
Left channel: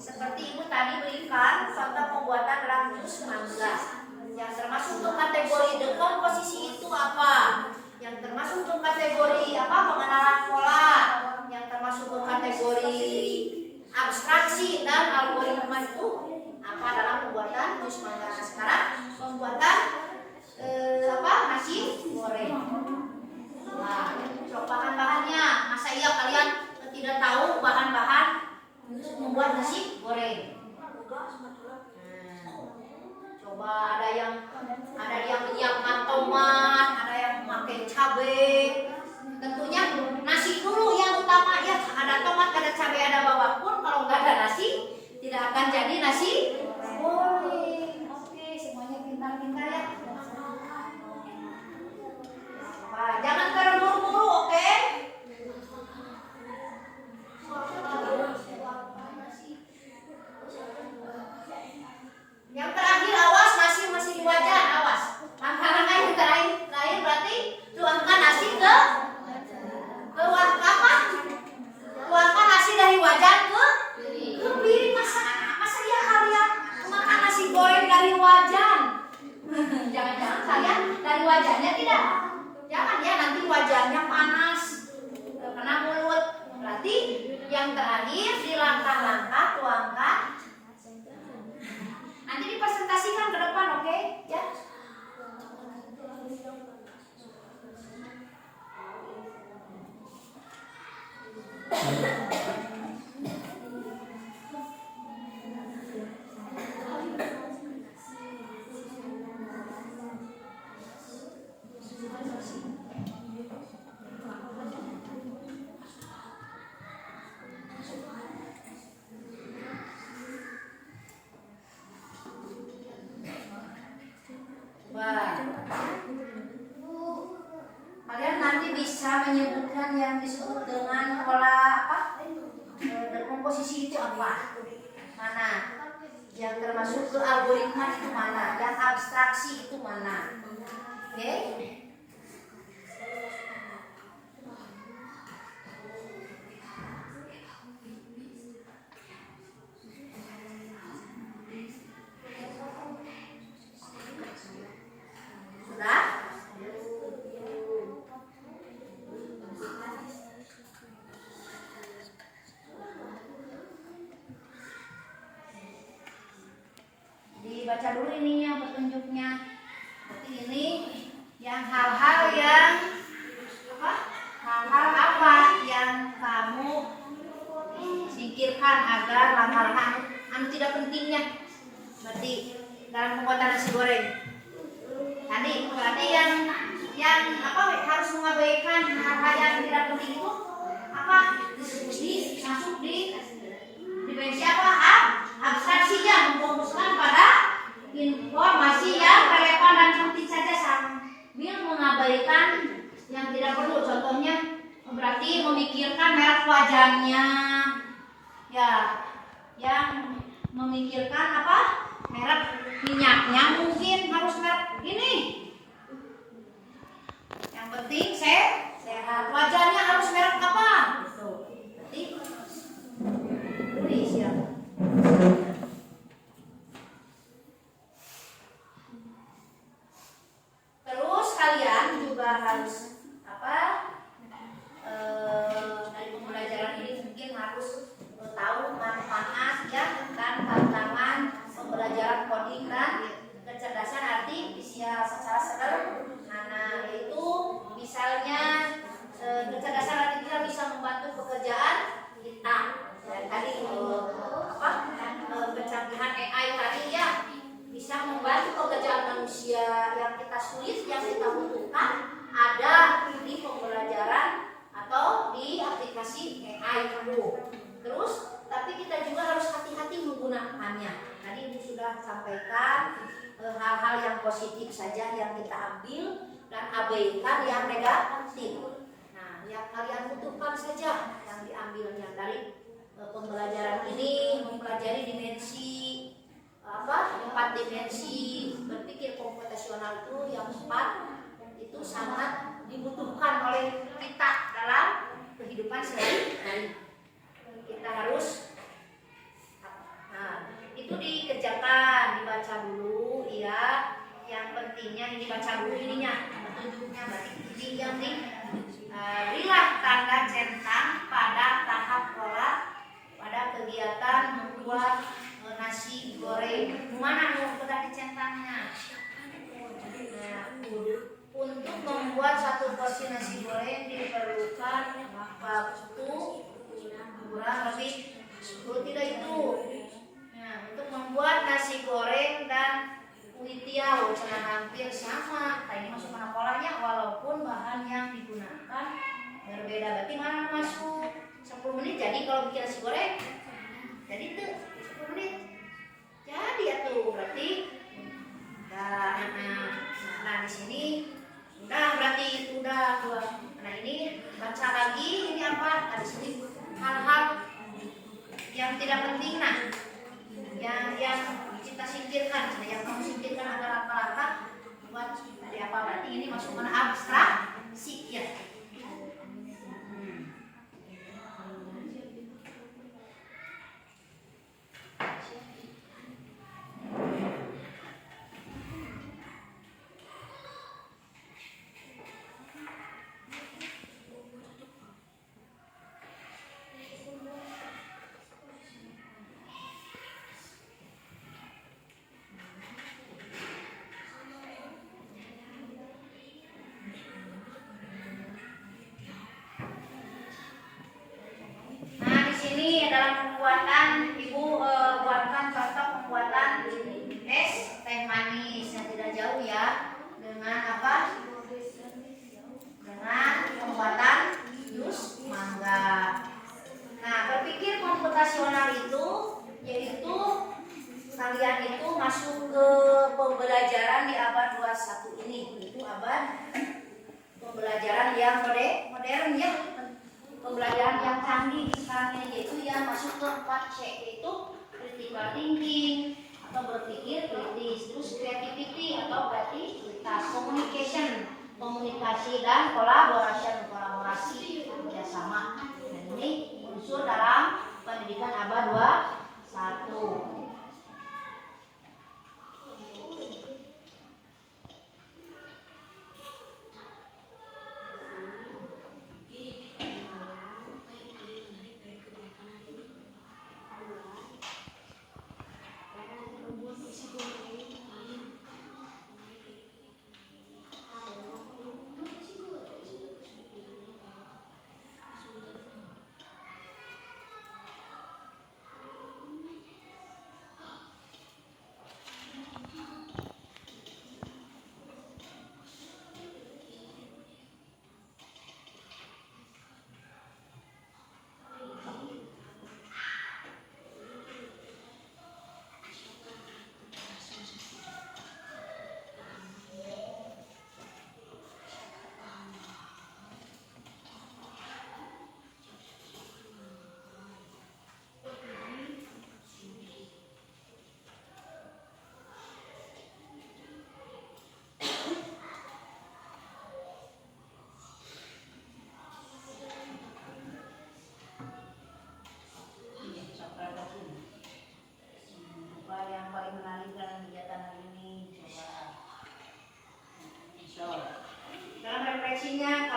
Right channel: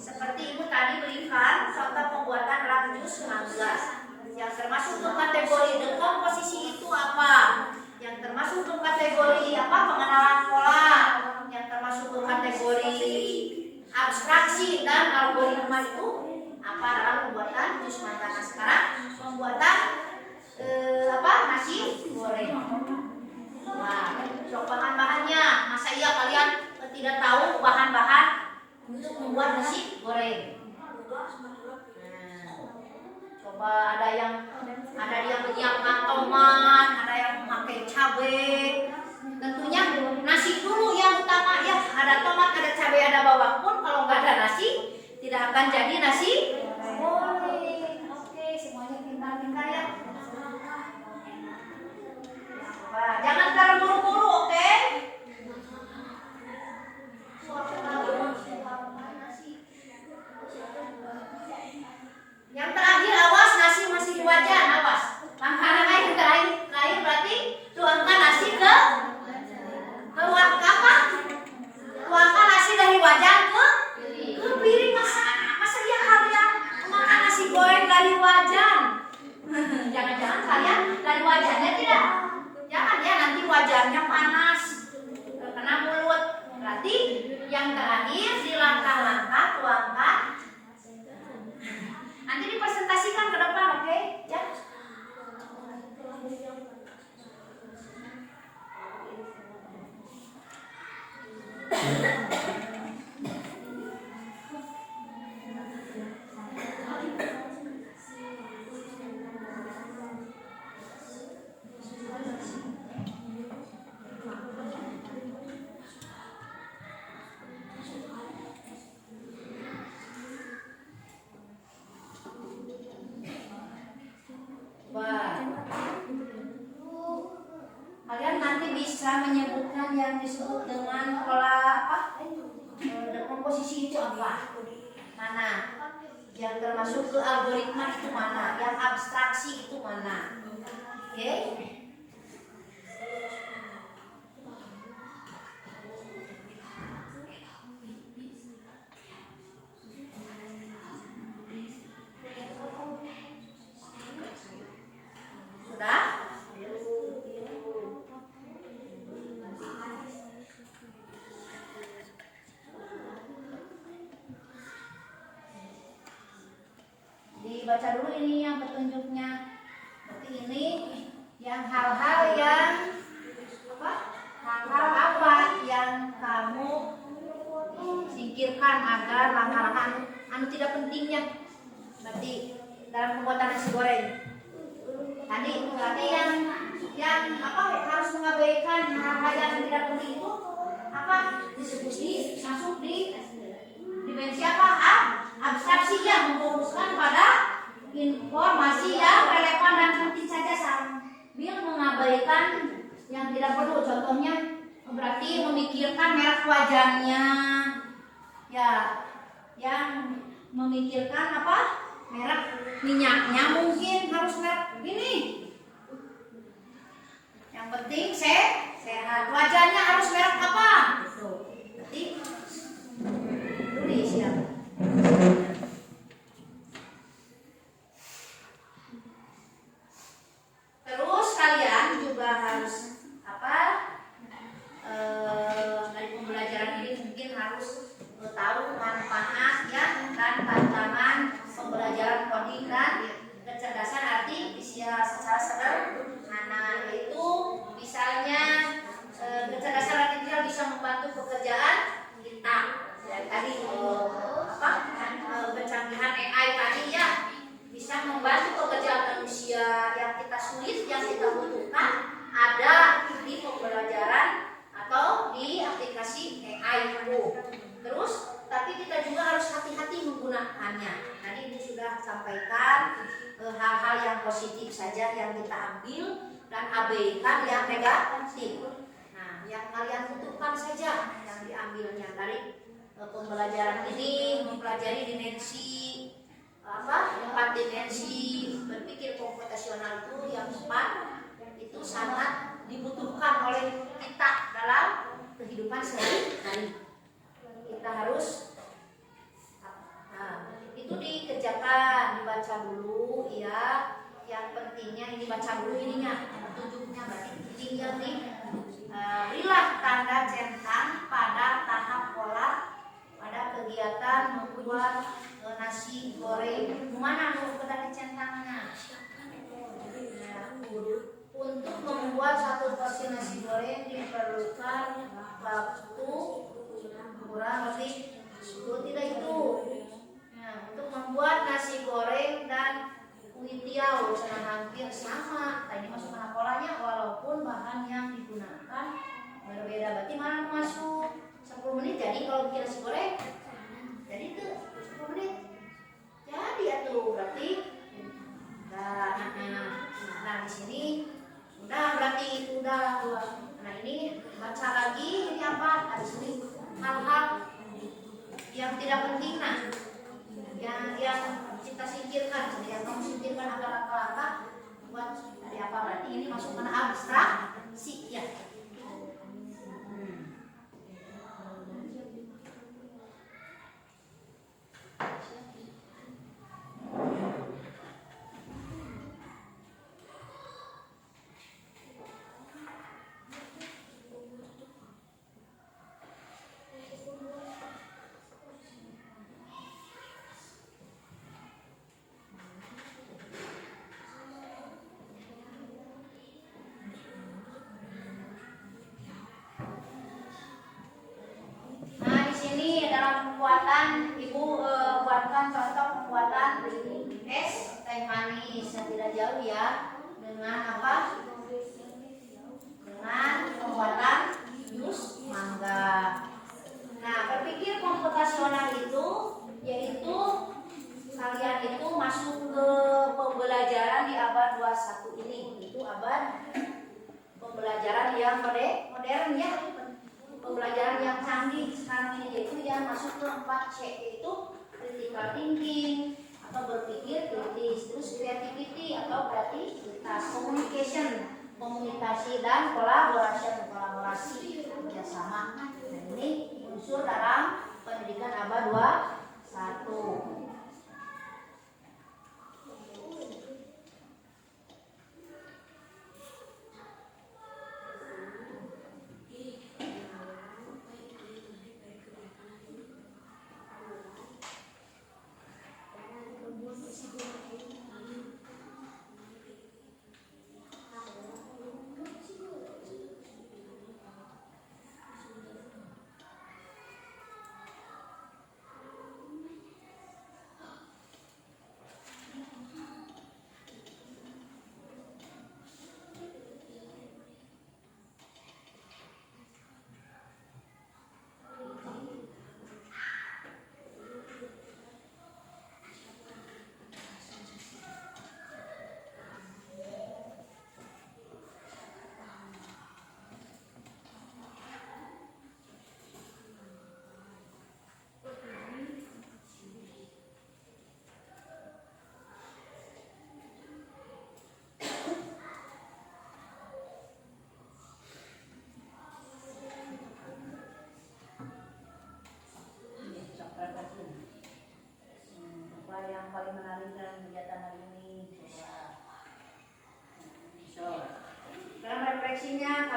Seperti ibu tadi berikan contoh pembuatan dalam jus mangga. Yang termasuk untuk kategori dekomposisi itu apa? Yang termasuk untuk kategori apa? Pengenalan pola. Yang termasuk untuk kategori abstraksi dan algoritma itu apa dalam pembuatan jus mangga. Nah, sekarang pembuatan nasi goreng. Wah, so bahan-bahannya. Masa iya kalian tidak tahu bahan-bahan untuk membuat nasi goreng? Coba ada yang menyiapkan tomat, ada yang memakai cabai. Tentunya nasi dulu yang utama ya. Ada tomat, ada cabai, ada bawang pun. Kalau nggak ada nasi, tidak akan jadi nasi goreng. Oke, semuanya pintar-pintar ya. Jangan terburu-buru, oke? Yang terakhir, awas nasi masih di wajan, awas. Langkah-langkah yang terakhir berarti tuangkan nasi ke apa? Tuangkan nasi dari wajan ke piring. Masa ya kalian makan nasi goreng dari wajan? Jangan-jangan kalian dari wajannya tidak? Jangan ya, nanti wajannya panas kena mulut. Berarti yang terakhir di langkah-langkah tuangkan. Nanti dipresentasikan ke depan, oke? Ya. Kalian nanti bisa menyebutkan yang disebut dengan pola apa? Dekomposisi itu apa? Mana? Yang termasuk ke algoritma itu mana? Yang abstraksi itu mana? Oke? Baca dulu ini yang petunjuknya. Berarti ini yang hal-hal yang apa? Hal-hal apa yang kamu singkirkan agar langkah-langkah tidak pentingnya. Berarti dalam pembuatan nasi goreng. Tadi berarti yang apa harus mengabaikan hal-hal yang tidak penting itu apa? Diskusi masuk di dimensi apa? Abstraksinya memfokuskan pada informasi yang relevan dan penting saja sambil mengabaikan yang tidak perlu. Contohnya berarti memikirkan merek wajannya, ya, yang memikirkan apa? Merek minyaknya mungkin harus merek gini. Yang penting sehat. Wajannya harus merek apa? Berarti tulis ya. Terus kalian juga harus apa? Dari pembelajaran ini mungkin harus tahu manfaat ya dan tantangan pembelajaran coding dan kecerdasan artifisial secara sederhana, yaitu misalnya kecerdasan artifisial bisa membantu pekerjaan kita. Ya, tadi pencanggihan AI tadi ya bisa membantu pekerjaan manusia yang kita sulit, yang kita butuhkan ada di pembelajaran atau di aplikasi AI itu. Terus tapi kita juga harus hati-hati menggunakannya. Tadi itu sudah sampaikan hal-hal yang positif saja yang kita ambil dan abaikan yang negatif. Nah, yang kalian butuhkan saja yang diambilnya dari pembelajaran ini, mempelajari dimensi 4 dimensi berpikir komputasional itu yang 4 itu sangat dibutuhkan oleh kita dalam kehidupan sehari-hari. Kita harus itu dikerjakan, dibaca dulu ya. Yang pentingnya ini baca dulu ininya, petunjuknya berarti kuncinya nih. Berilah tanda centang pada tahap pola pada kegiatan membuat nasi goreng. Mana mau tadi centangnya? Untuk membuat 1 porsi nasi goreng diperlukan waktu kurang lebih 10 tidak itu. Nah, untuk membuat nasi goreng dan kulit tiaw hampir sama. Nah, ini masuk mana polanya walaupun bahan yang digunakan berbeda. Berarti mana masuk 10 menit jadi kalau bikin nasi goreng. Jadi itu 10 menit. Jadi atuh berarti nah di sini udah berarti udah dua. Nah ini baca lagi ini apa? Nah, di sini hal-hal yang tidak penting yang kita singkirkan, yang kamu singkirkan adalah apa buat dari apa berarti ini masuk mana abstraksi ya. Pembuatan ibu buatkan contoh pembuatan es teh manis yang tidak jauh ya dengan apa? Dengan pembuatan jus mangga. Nah berpikir komputasional itu yaitu kalian itu masuk ke pembelajaran di abad 21 ini, itu abad pembelajaran yang modern ya. Pembelajaran yang canggih sekarang ini yaitu yang masuk ke 4C yaitu critical thinking atau berpikir kritis, terus creativity atau kreativitas, communication komunikasi dan kolaborasi kerjasama. Dan ini unsur dalam pendidikan abad 21.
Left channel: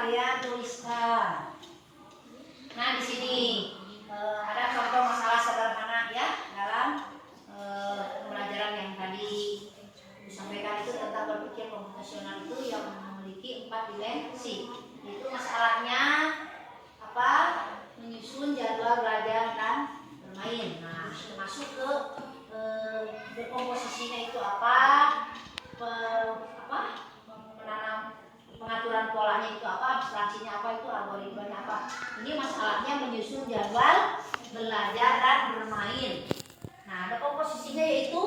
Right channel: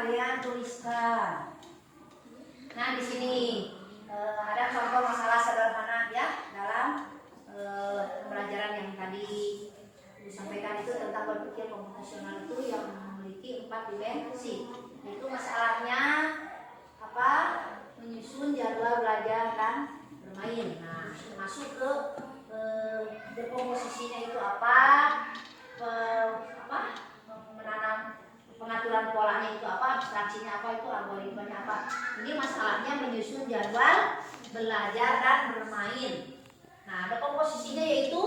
Kalian tuliskan. Nah di sini ada contoh masalah sederhana ya dalam pembelajaran yang tadi disampaikan itu tentang berpikir komputasional itu yang memiliki 4 dimensi. Itu masalahnya apa? Menyusun jadwal belajar dan bermain. Nah masuk ke dekomposisinya itu apa? Menanam pengaturan polanya itu apa, abstraksinya apa, itu algoritmanya apa. Ini masalahnya menyusun jadwal belajar dan bermain. Nah, ada komposisinya yaitu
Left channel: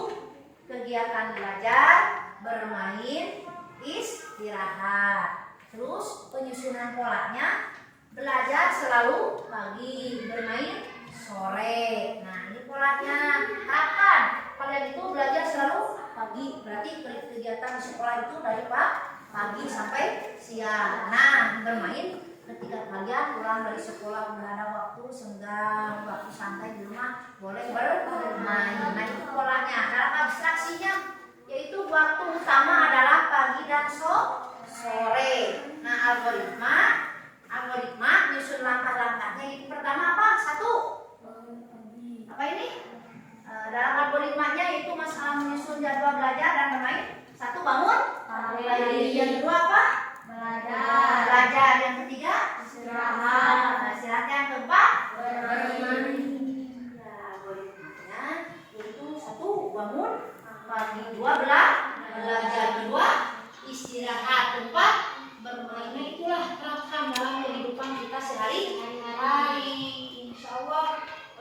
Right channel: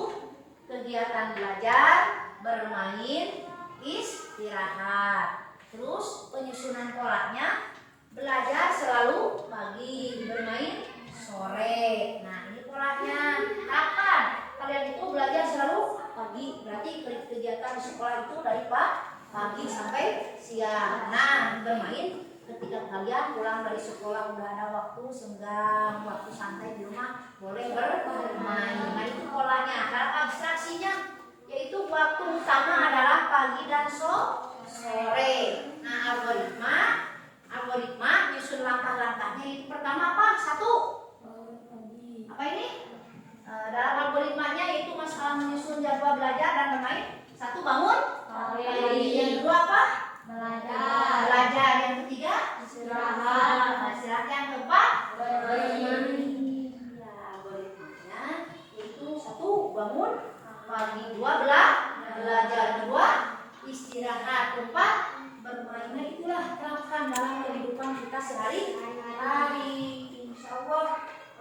kegiatan belajar, bermain, istirahat. Terus penyusunan polanya belajar selalu pagi, bermain sore. Nah, ini polanya. Kapan kalian itu belajar selalu pagi? Berarti kegiatan di sekolah itu dari pagi sampai siang. Nah, bermain ketika kalian pulang dari sekolah udah ada waktu senggang, waktu santai di rumah, boleh bermain. Nah, itu polanya. Dalam abstraksinya yaitu waktu utama adalah pagi dan sore. Nah, algoritma nyusun langkah-langkahnya itu pertama apa? Satu. Apa ini? Dalam algoritmanya itu masalah menyusun jadwal belajar dan bermain. Satu, bangun pagi. Yang kedua apa? Belajar. Yang ketiga istirahat. Yang keempat bermain. Nah, algoritmanya itu satu, bangun pagi. Dua, belajar. Dua, istirahat. Empat, bermain. Nah, itulah terapkan dalam kehidupan kita sehari-hari. Insya Allah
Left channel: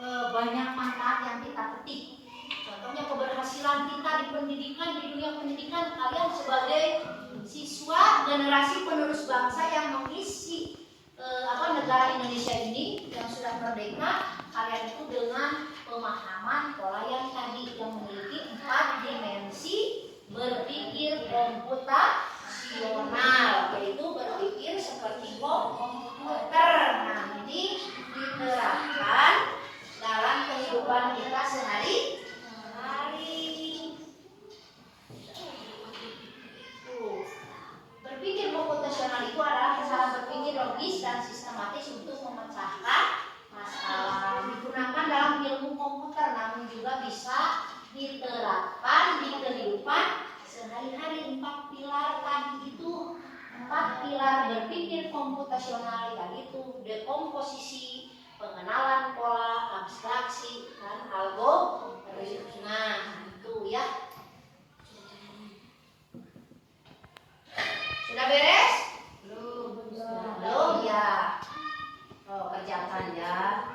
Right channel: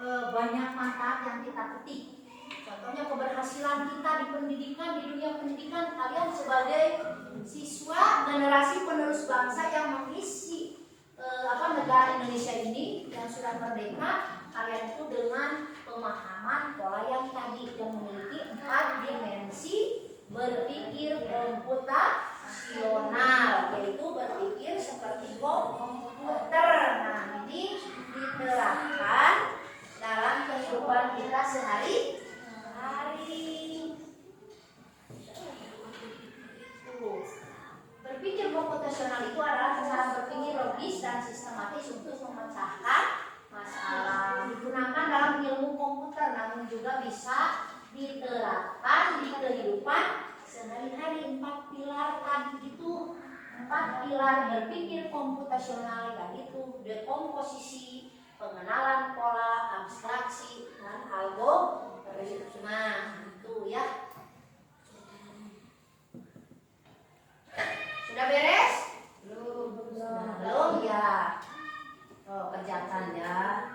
banyak manfaat yang kita petik. Contohnya keberhasilan kita di pendidikan, di dunia pendidikan, kalian sebagai siswa generasi penerus bangsa yang mengisi negara Indonesia ini yang sudah merdeka, kalian itu dengan pemahaman pola yang tadi yang memiliki 4 dimensi berpikir komputasional, yaitu berpikir seperti komputer. Nah, ini diterapkan dalam kehidupan kita sehari-hari. Berpikir komputasional itu adalah cara berpikir logis dan sistematis untuk memecahkan masalah. Digunakan dalam ilmu komputer, namun juga bisa diterapkan di kehidupan sehari-hari. 4 pilar tadi itu, 4 pilar berpikir komputasional yaitu dekomposisi, pengenalan pola, abstraksi, dan algoritma. Itu ya. Sudah beres? Belum ya. Oh, kerjakan ya.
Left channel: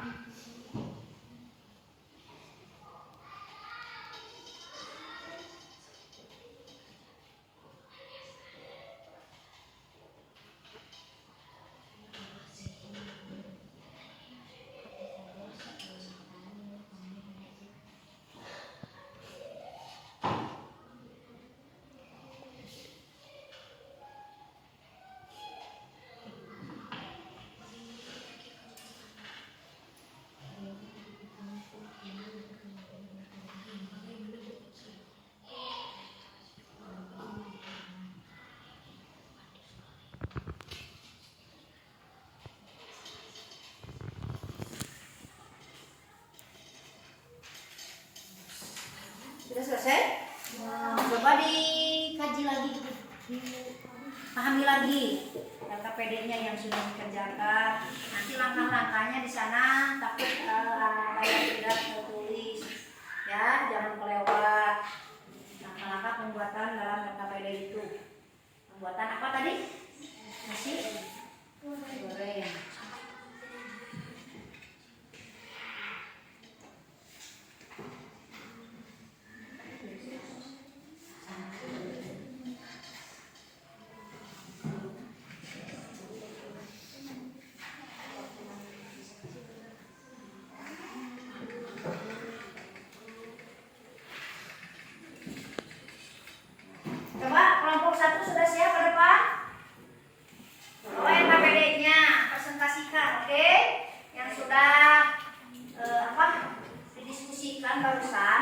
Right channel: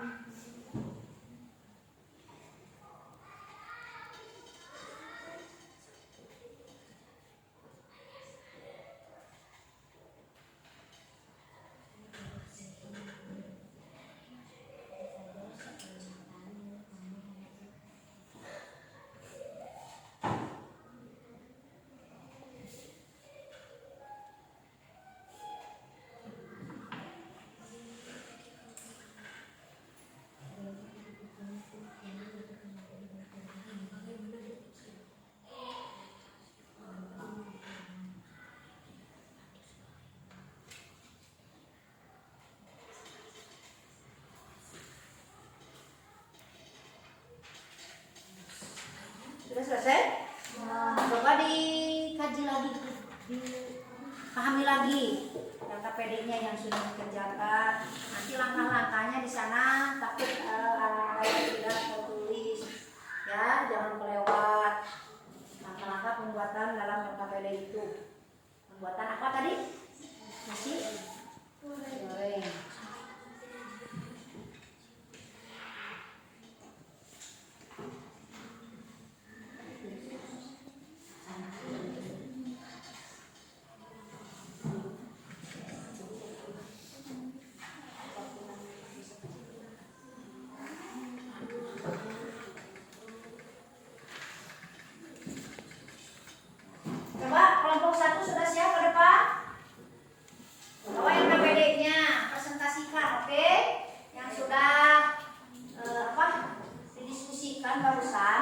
Sudah selesai? Coba dikaji lagi, dipahami lagi LKPD-nya yang sudah dikerjakan. Nanti langkah-langkahnya di sana, takut kalian tidak tertulis, ya, jangan kelewat. Langkah-langkah pembuatan dalam LKPD itu. Pembuatan apa tadi? Nasi goreng. Coba kelompok 1 sudah siap ke depan? Bawa LKPD-nya, presentasikan, oke? Yang sudah didiskusikan barusan.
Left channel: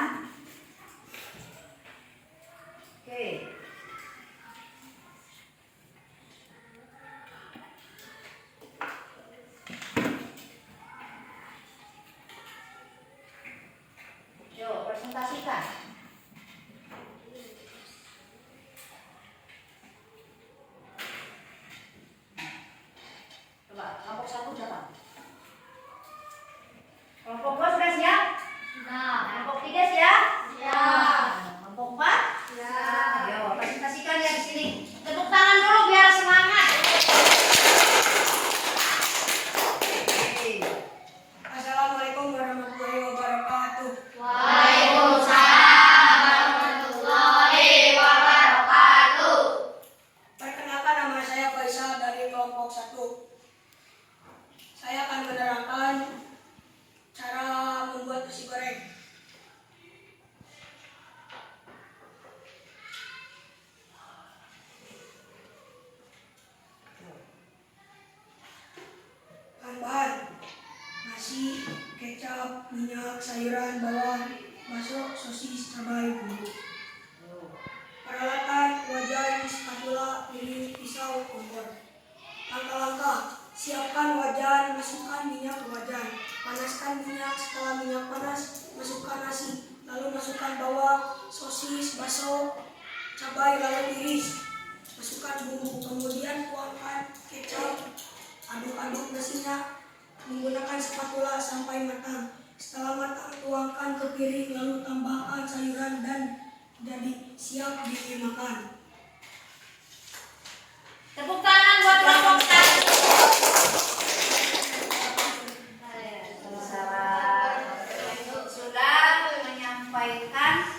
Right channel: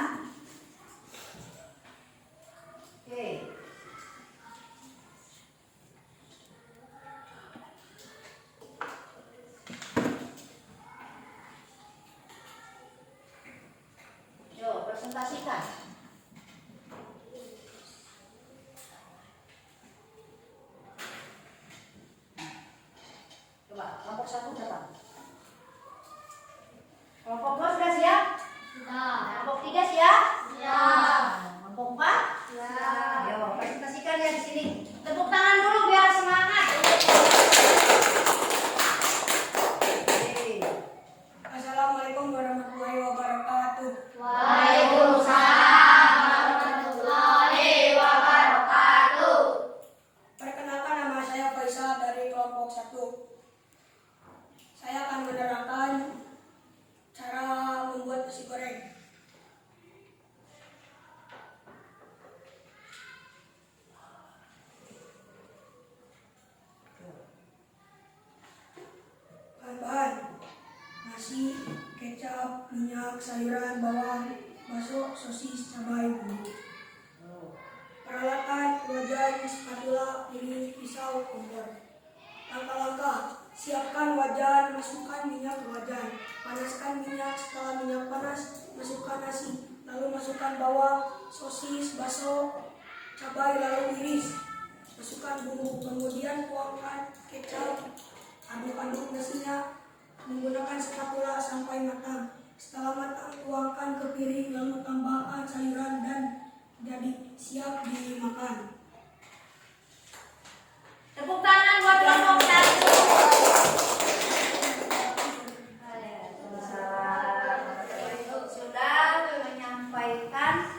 Oke. Yuk, presentasikan. Kelompok 1 berapa? Kelompok 2 sudah siap? Sudah. Kelompok 3 siap? Siap. Kelompok 4? Siap. Ayo, presentasikan ya di sini. Tepuk tangan dulu biar semangat. Assalamualaikum warahmatullahi wabarakatuh. Waalaikumsalam. sosis, cabai, bumbu. Peralatan: wajan, spatula, piring, pisau, kompor. Langkah-langkah: siapkan wajan, masukkan minyak ke wajan, panaskan minyak. Setelah minyak panas, masukkan nasi, lalu masukkan bawang, sosis, bakso, cabai, lalu iris. Masukkan bumbu, kemudian tuangkan kecap, aduk-aduk nasinya menggunakan spatula sampai matang. Setelah matang, tuangkan ke piring, lalu tambahkan sayuran dan jadi siap dimakan. Tepuk tangan buat kelompok 1. Sudah menyampaikan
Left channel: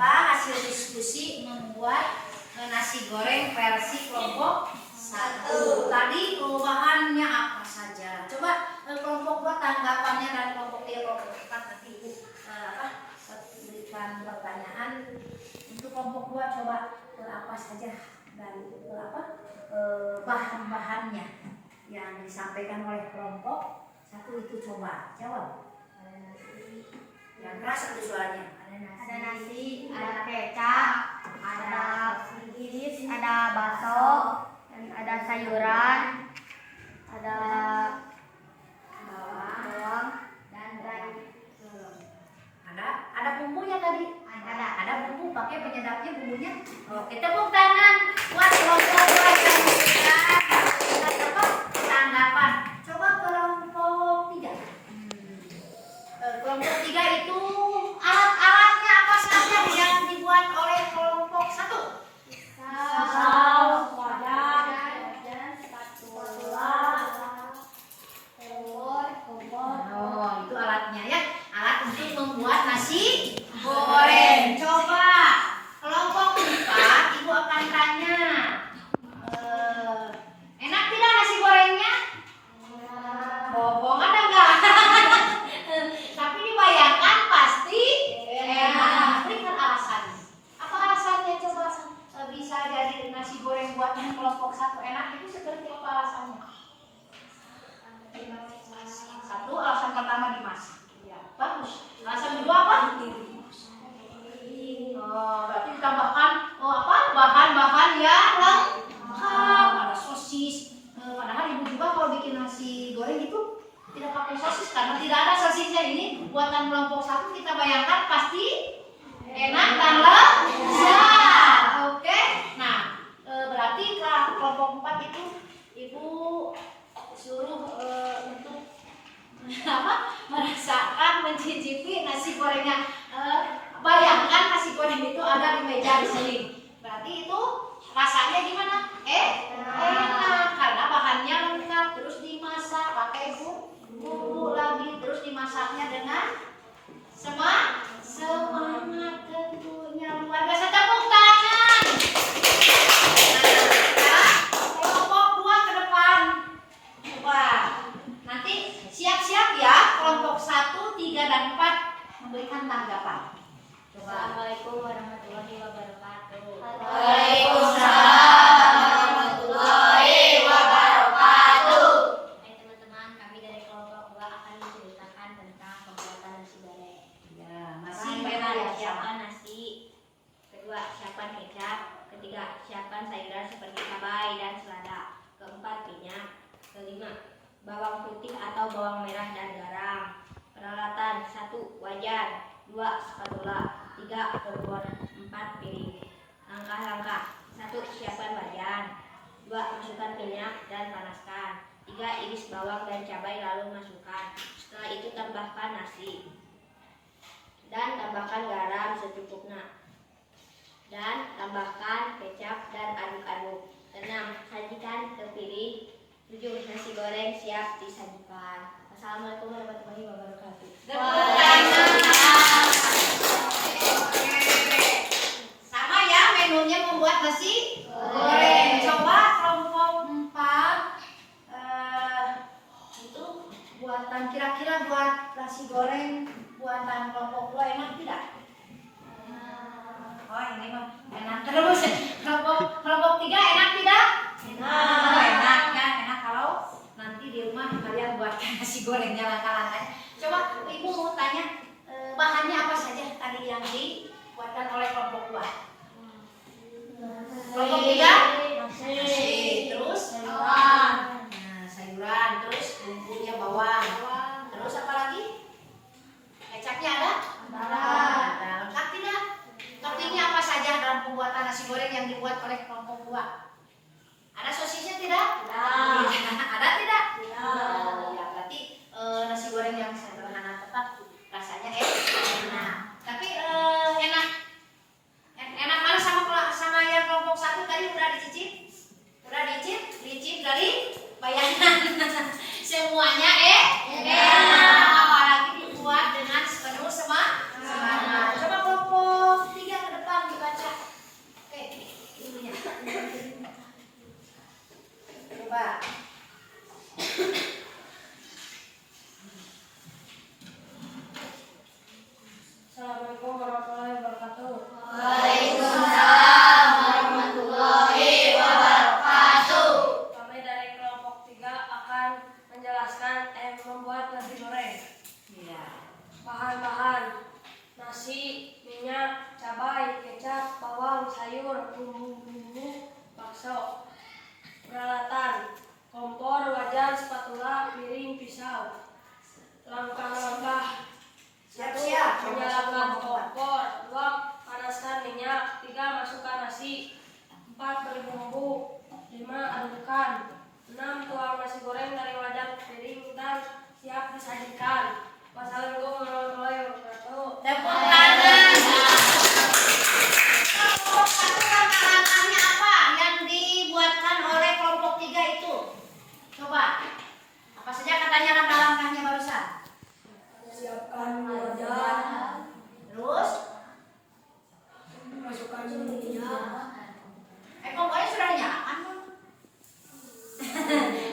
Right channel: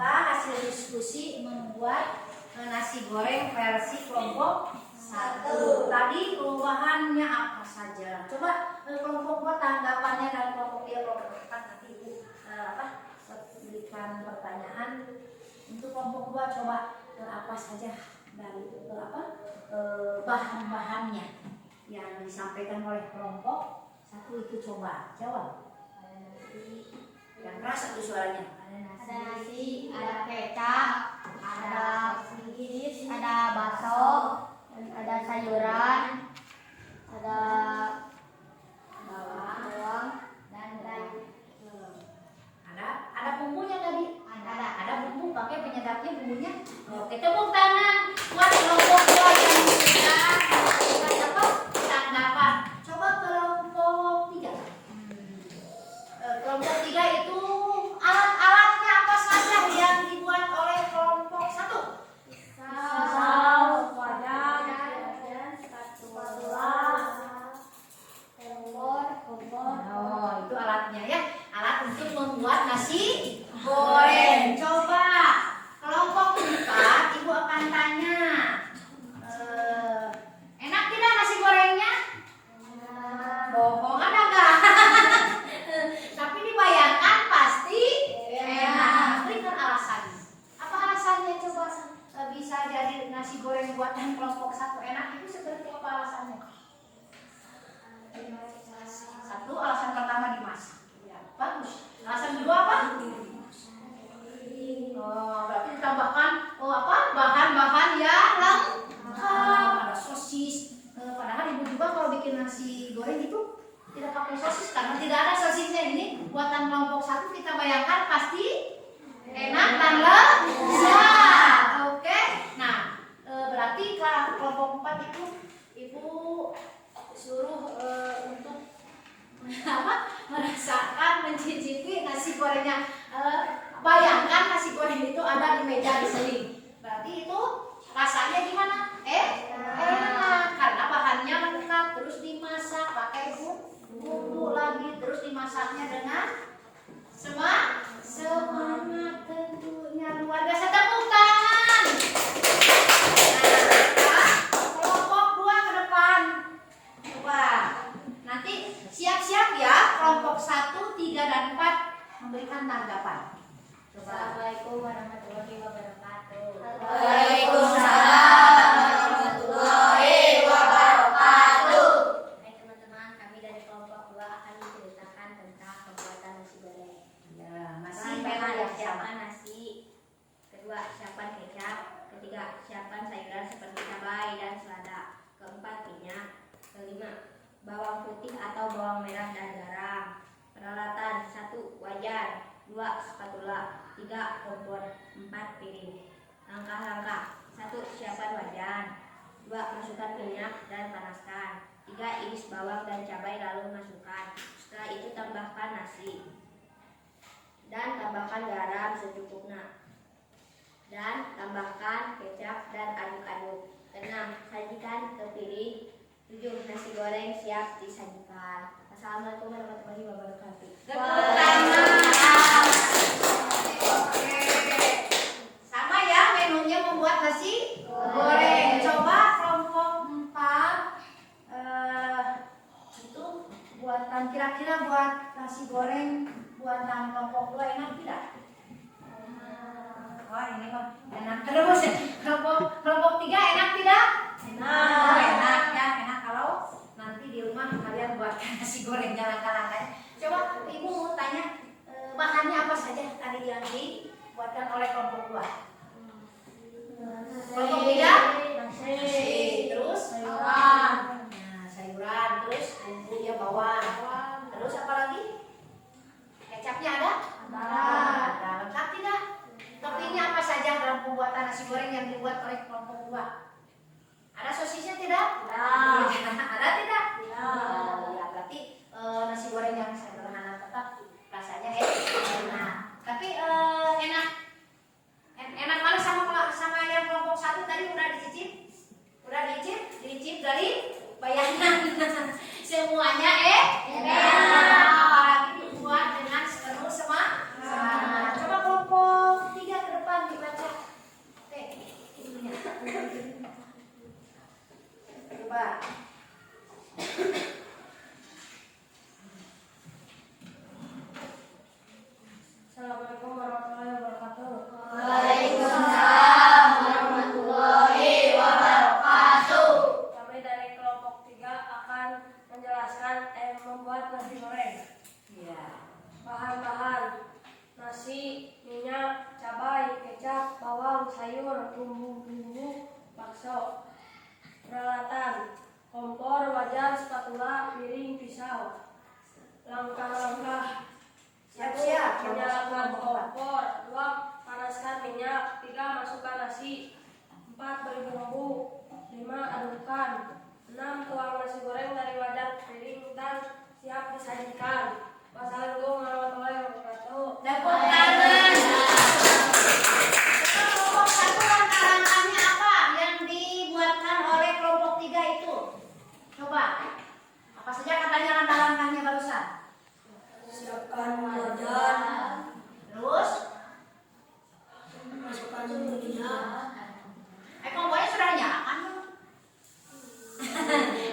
hasil diskusi membuat nasi goreng versi kelompok 1. Tadi perubahannya apa saja? Coba kelompok 2 tanggapannya dan kelompok 3 kelompok 4 nanti Ibu berikan pertanyaan. Untuk kelompok 2 coba apa saja dari bahan-bahannya yang disampaikan oleh kelompok 1 itu coba jawab. Yang keras itu suaranya. Ada nasi, ada kecap, ada iris, ada bakso, dan ada sayuran, ada bawang dan ada bumbunya tadi. Ada bumbu, pakai penyedapnya bumbunya. Oke, tepuk tangan buat kelompok 2 yang tanggapan. Coba kelompok 3. Kelompok 3 itu alat-alatnya apa saja yang dibuat oleh kelompok 1? pisau, wajan, spatula, kompor. Oh, itu alatnya ya. Alat untuk membuat nasi goreng. Coba kelompok 4 Ibu akan tanya. Enak tidak nasi gorengnya? Bohong ada nggak? Tapi dibayangkan pasti enak. Berikan alasannya. Apa alasannya coba bisa jadi nasi goreng buatan kelompok 1 enak itu seperti apa alasannya? 1, alasan pertama dimasak. Ya, bagus. Alasan kedua apa? Oh, berarti ditambahkan bahan-bahan yang lengkap. Ada sosis. Padahal Ibu juga kalau bikin nasi goreng itu tidak pakai sosis karena tidak ada sosisnya. Ini buatan kelompok 1 kita bayangkan pasti enak dan lezat. Oke. Nah, berarti kelompok 4 itu Ibu suruh untuk merasakan, mencicipi nasi gorengnya. Bayangkan nasi goreng itu ada di meja seling. Berarti itu rasanya gimana? Enak karena bahannya lengkap, terus dimasak pakai bumbu lagi, terus dimasaknya dengan semangat tentunya. Luar biasa, tepuk tangan. Nah, kelompok 2 ke depan. Coba nanti siap-siap ya, kelompok 1, 3, dan 4 memberikan tanggapan. Coba. Assalamualaikum warahmatullahi wabarakatuh. Waalaikumsalam warahmatullahi wabarakatuh. Hai teman-teman, kami dari kelompok 2 akan menceritakan tentang pembuatan nasi goreng. Ya, masih Bahan-bahan: banyak siapkan nasi, kedua siapkan kecap, ketiga siapkan sayuran seperti cabai dan selada, keempat minyak, kelima bawang putih atau bawang merah dan garam. Peralatan: 1 wajan, 2 spatula, 3 kompor, 4 piring. Langkah-langkah: 1 siapkan wajan, 2 masukkan minyak dan panaskan, 3 iris bawang dan cabai lalu masukkan. Setelah itu tambahkan nasi dan tambahkan garam secukupnya, dan tambahkan kecap dan aduk-aduk. 6 sajikan ke piring. 7 nasi goreng siap disajikan. Assalamualaikum warahmatullahi wabarakatuh. Sama ya menunya membuat nasi goreng. Coba kelompok 4 itu buatan kira-kira buat nasi goreng buatan kelompok 2 enak tidak? Oh ini mah enak terus. Kelompok 3 enak tidak? Oh, enak ya, enak kalau nanti di rumah kalian buatkan nasi gorengnya langkah-langkah. Coba Ibu mau tanya bahannya apa saja tadi tadi yang dibuatkan oleh kelompok 2? Kelompok 3? Nasi. Terus? Sayuran. Nah, sayuran. Terus bumbunya bawang. Terus apa lagi? Kecapnya ada? Ada. Lengkap tidak? Toppingnya apa saja dalam pembuatan nasi goreng yang dibuat oleh kelompok 2? Ada sosisnya tidak? Ada tidak? Ya, berarti nasi goreng yang sederhana tetap rasanya enak. Tapi enak banget sama yang kelompok 1 tadi udah dicicip? Udah dicicip dari bayangan. Semuanya enak. Apalagi dibuat dengan penuh semangat. Coba kelompok 3 ke depan dibaca. Oke, itunya. Coba. Assalamualaikum warahmatullahi wabarakatuh. Waalaikumsalam warahmatullahi wabarakatuh. Kami dari kelompok 3 akan menjelaskan membuat nasi goreng. Iya. Bahan-bahan: nasi, minyak, cabai, kecap, bawang, sayur, bumbu-bumbu, bakso. Peralatan: kompor, wajan, spatula, piring, pisau. Langkah-langkah: Siap-siap. menyalakan kompor. 2. Panaskan minyak. 3. Masukkan nasi. 4. Beri bumbu. 5. Adukkan. 6. Tuang nasi goreng dari wajan ke piring dan siap disajikan. Wassalamualaikum warahmatullahi wabarakatuh. Tepuk tangan. Kelompok 1 langkah-langkahnya apa yang dibuatkan oleh kelompok 3 itu? Coba. Apa saja katanya langkah-langkahnya barusan? Siapkan wajan. Terus? Masukkan minyak. Kompornya sudah dinyalakan belum?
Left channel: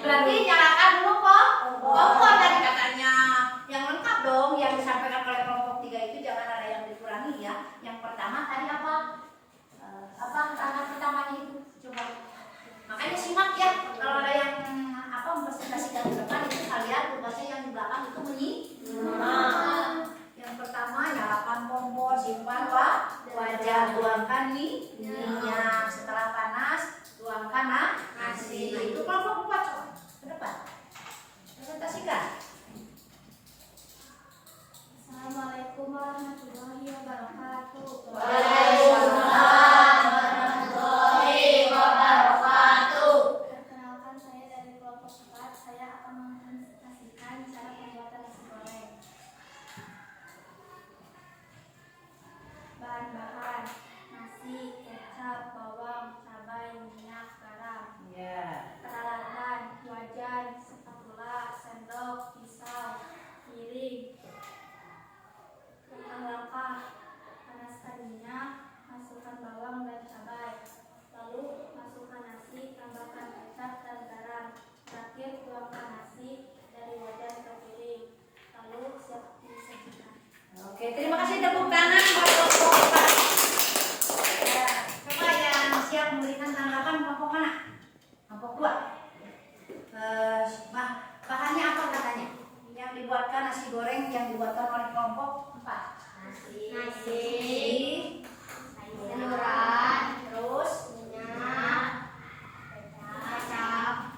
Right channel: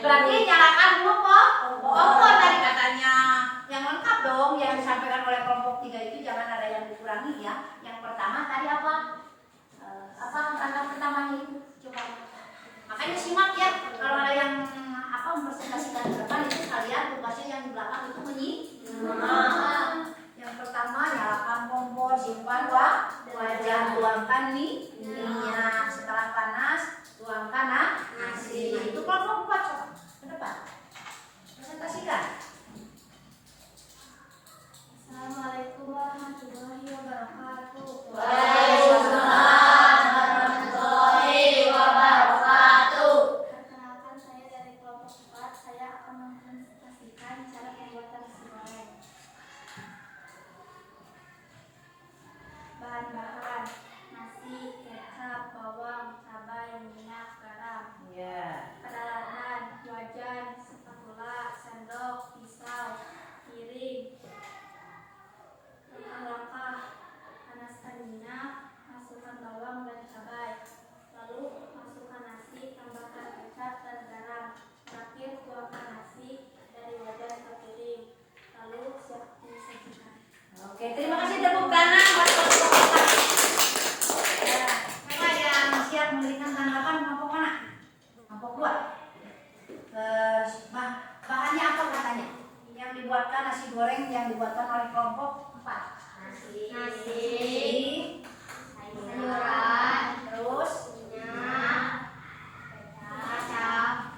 Berarti nyalakan dulu kompor tadi katanya. Yang lengkap dong yang disampaikan oleh kelompok 3 itu, jangan ada yang dikurangi ya. Yang pertama tadi apa? Apa langkah pertamanya itu? Coba. Makanya simak ya. Kalau ada yang mempresentasikan ke depan itu kalian tugasnya yang di belakang itu menyimak. Yang pertama nyalakan kompor, simpan wajan, tuangkan minyak. Setelah panas, tuangkan nasi. Nah, itu kelompok 4 coba ke depan. Presentasikan. Assalamualaikum warahmatullahi wabarakatuh. Waalaikumsalam warahmatullahi wabarakatuh. Perkenalkan, saya dari kelompok 4. Saya akan mempresentasikan cara pembuatan nasi goreng. Bahan-bahan: nasi, kecap, bawang, cabai, minyak, garam. Ya. Peralatan: wajan, spatula, sendok, pisau, piring. Langkah-langkah: panaskan minyak, masukkan bawang dan cabai, lalu masukkan nasi, tambahkan kecap dan garam. Terakhir, tuangkan nasi dari wajan ke piring, lalu siap disajikan. Oke, terima kasih, tepuk tangan buat kelompok 4. Ya, coba yang siap memberikan tanggapan kelompok mana? Kelompok 2. Bahannya apa katanya? Yang dibuatkan nasi goreng yang dibuatkan oleh kelompok 4. Nasi, Sayuran, terus minyak, kecap,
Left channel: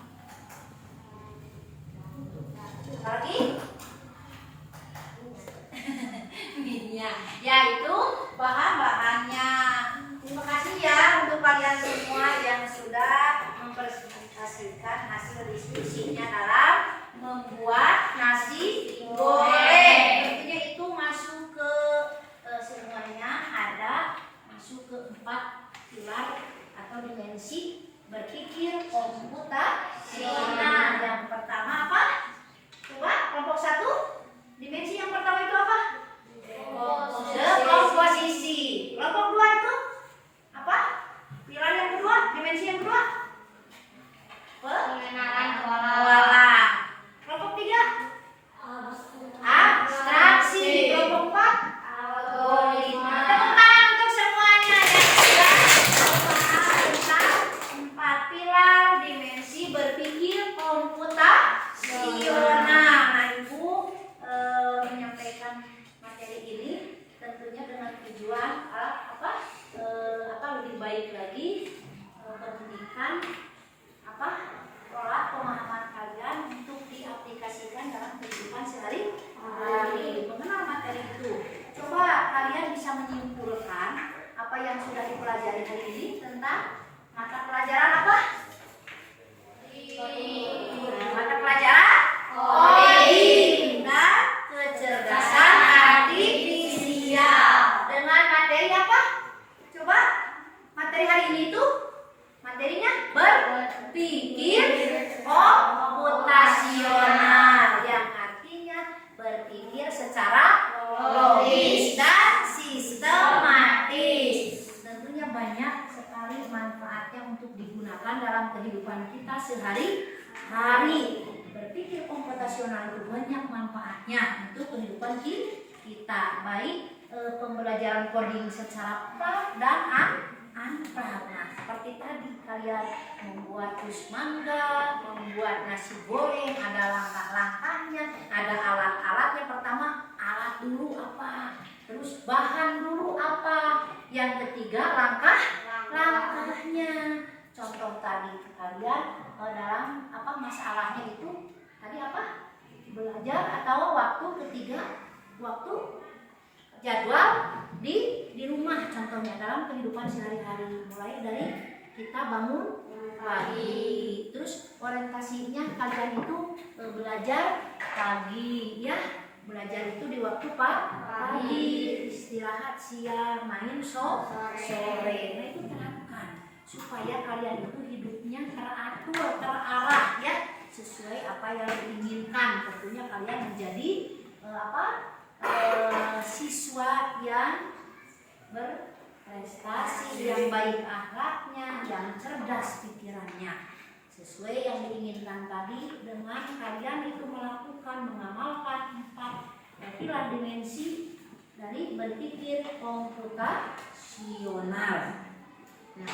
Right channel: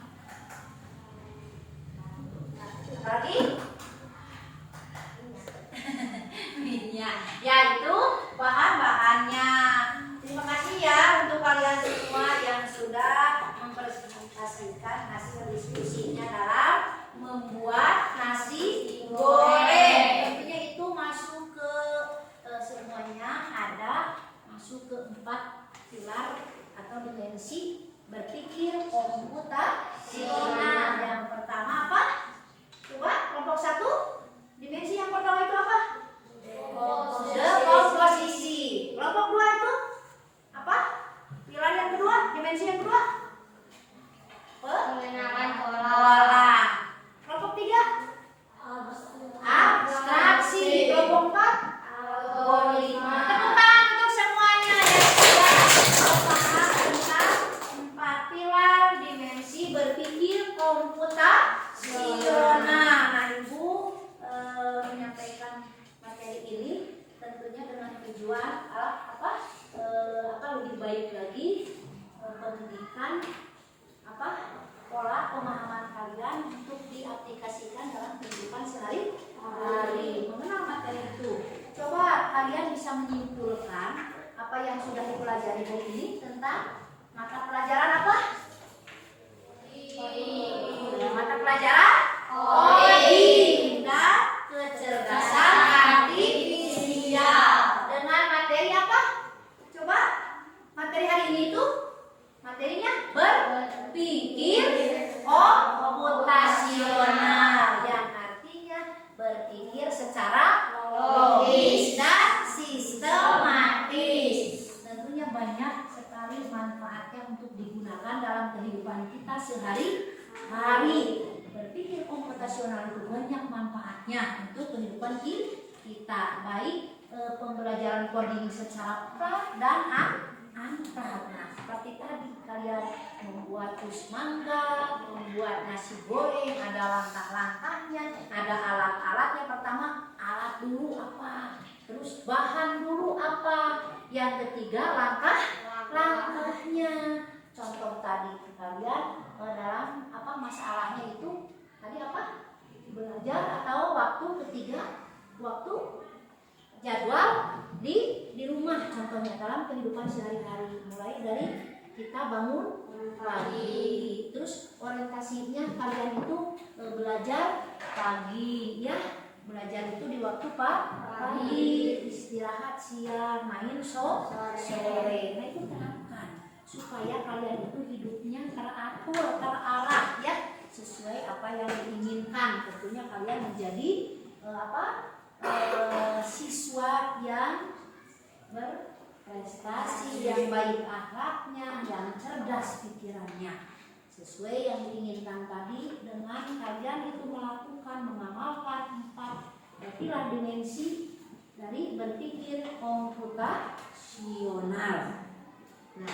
apa lagi? Minyak. Yaitu bahan-bahannya. Terima kasih ya untuk kalian semua yang sudah mempresentasikan hasil diskusinya dalam membuat nasi goreng. Tentunya itu masuk ke semuanya masuk ke 4 pilar atau dimensi berpikir komputasional. Yang pertama apa? Coba kelompok 1. Dimensi yang pertama itu apa? Komposisi. Kelompok 2 itu apa? Pilar yang kedua, dimensi yang kedua? pengenalan Pola. Kelompok 3? Abstraksi. Kelompok 4? algoritma. Tepuk tangan untuk semuanya yang sudah memahami tentang 4 pilar dimensi berpikir komputasi. tujuan lebih baik lagi pendidikan pola pemahaman kalian untuk diaplikasikan dalam kehidupan sehari-hari. Mengenal materi itu, coba kalian bisa menyimpulkan apa yang sudah dipelajari hari ini tentang mata pelajaran apa? Mata pelajaran coding dan kecerdasan artifisial. Dengan materi apa? Coba materi hari ini itu materinya berpikir komputasional, yang artinya berpikir secara logis dan sistematis. Tentunya banyak sekali manfaatnya untuk digunakan dalam kehidupan kita sehari-hari. Berpikir komputasional itu banyak manfaatnya untuk kehidupan kita, baik pembelajaran coding secara pra dan unpra. Nah, seperti tadi kalian membuat jus mangga, membuat nasi goreng, ada langkah-langkahnya, ada alat-alatnya. Pertama, alat dulu apa, terus bahan dulu apa, yang ketiga langkah-langkahnya. Contoh tadi kalian dalam masalahnya itu tadi belajar, atau waktu ketiga waktu jadwal di rumah, contohnya dalam kehidupan sehari-hari, mulai dari kita bangun pagi, terus orientasinya kalian itu belajar pagi ya, belajar itu di waktu pagi, istirahat siang, main sore. Nah, itu terapkan supaya kalian itu hidupnya teratur, terarah ya, sesuai apa yang diinginkan. Tentunya kalian menjadi siswa yang berprestasi, yang baik akhlaknya, yang cerdas pikirannya, sesuai yang diinginkan tadi, dengan kalian itu mengamalkan 4 pilar dimensi dari berpikir komputasional. Nah,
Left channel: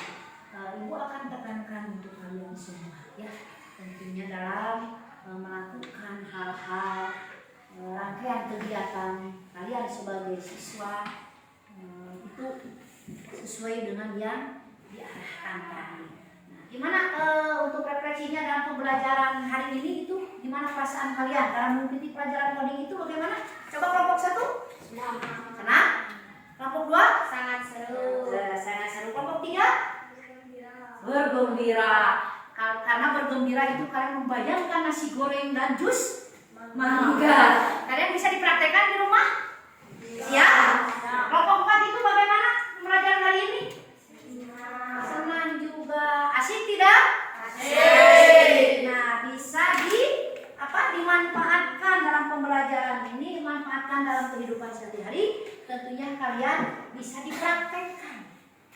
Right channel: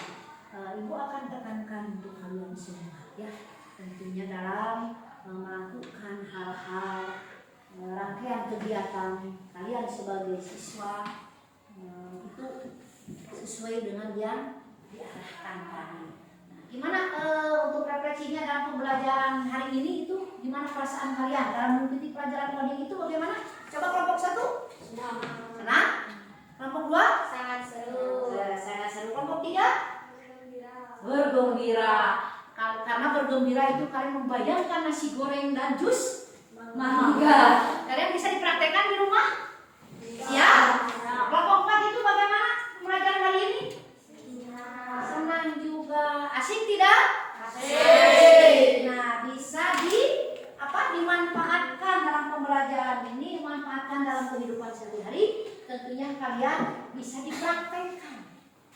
Ibu akan tekankan untuk kalian semua ya, tentunya dalam melakukan hal-hal rangkaian kegiatan kalian sebagai siswa itu sesuai dengan yang diarahkan tadi. Nah, gimana untuk refleksinya dalam pembelajaran hari ini itu? Gimana perasaan kalian dalam mengikuti pelajaran coding itu? Bagaimana? Coba kelompok 1? Senang. Kelompok 2? Sangat seru. Sangat seru. Kelompok 3? Bergembira. Karena bergembira itu kalian membayangkan nasi goreng dan jus mangga. Kalian bisa dipraktekkan di rumah? Ya. Kelompok 4 itu bagaimana pembelajaran hari ini? Senang juga. Asik tidak? Asik. Nah, bisa dimanfaatkan dalam pembelajaran ini, dimanfaatkan dalam kehidupan sehari-hari. Tentunya kalian bisa dipraktekkan.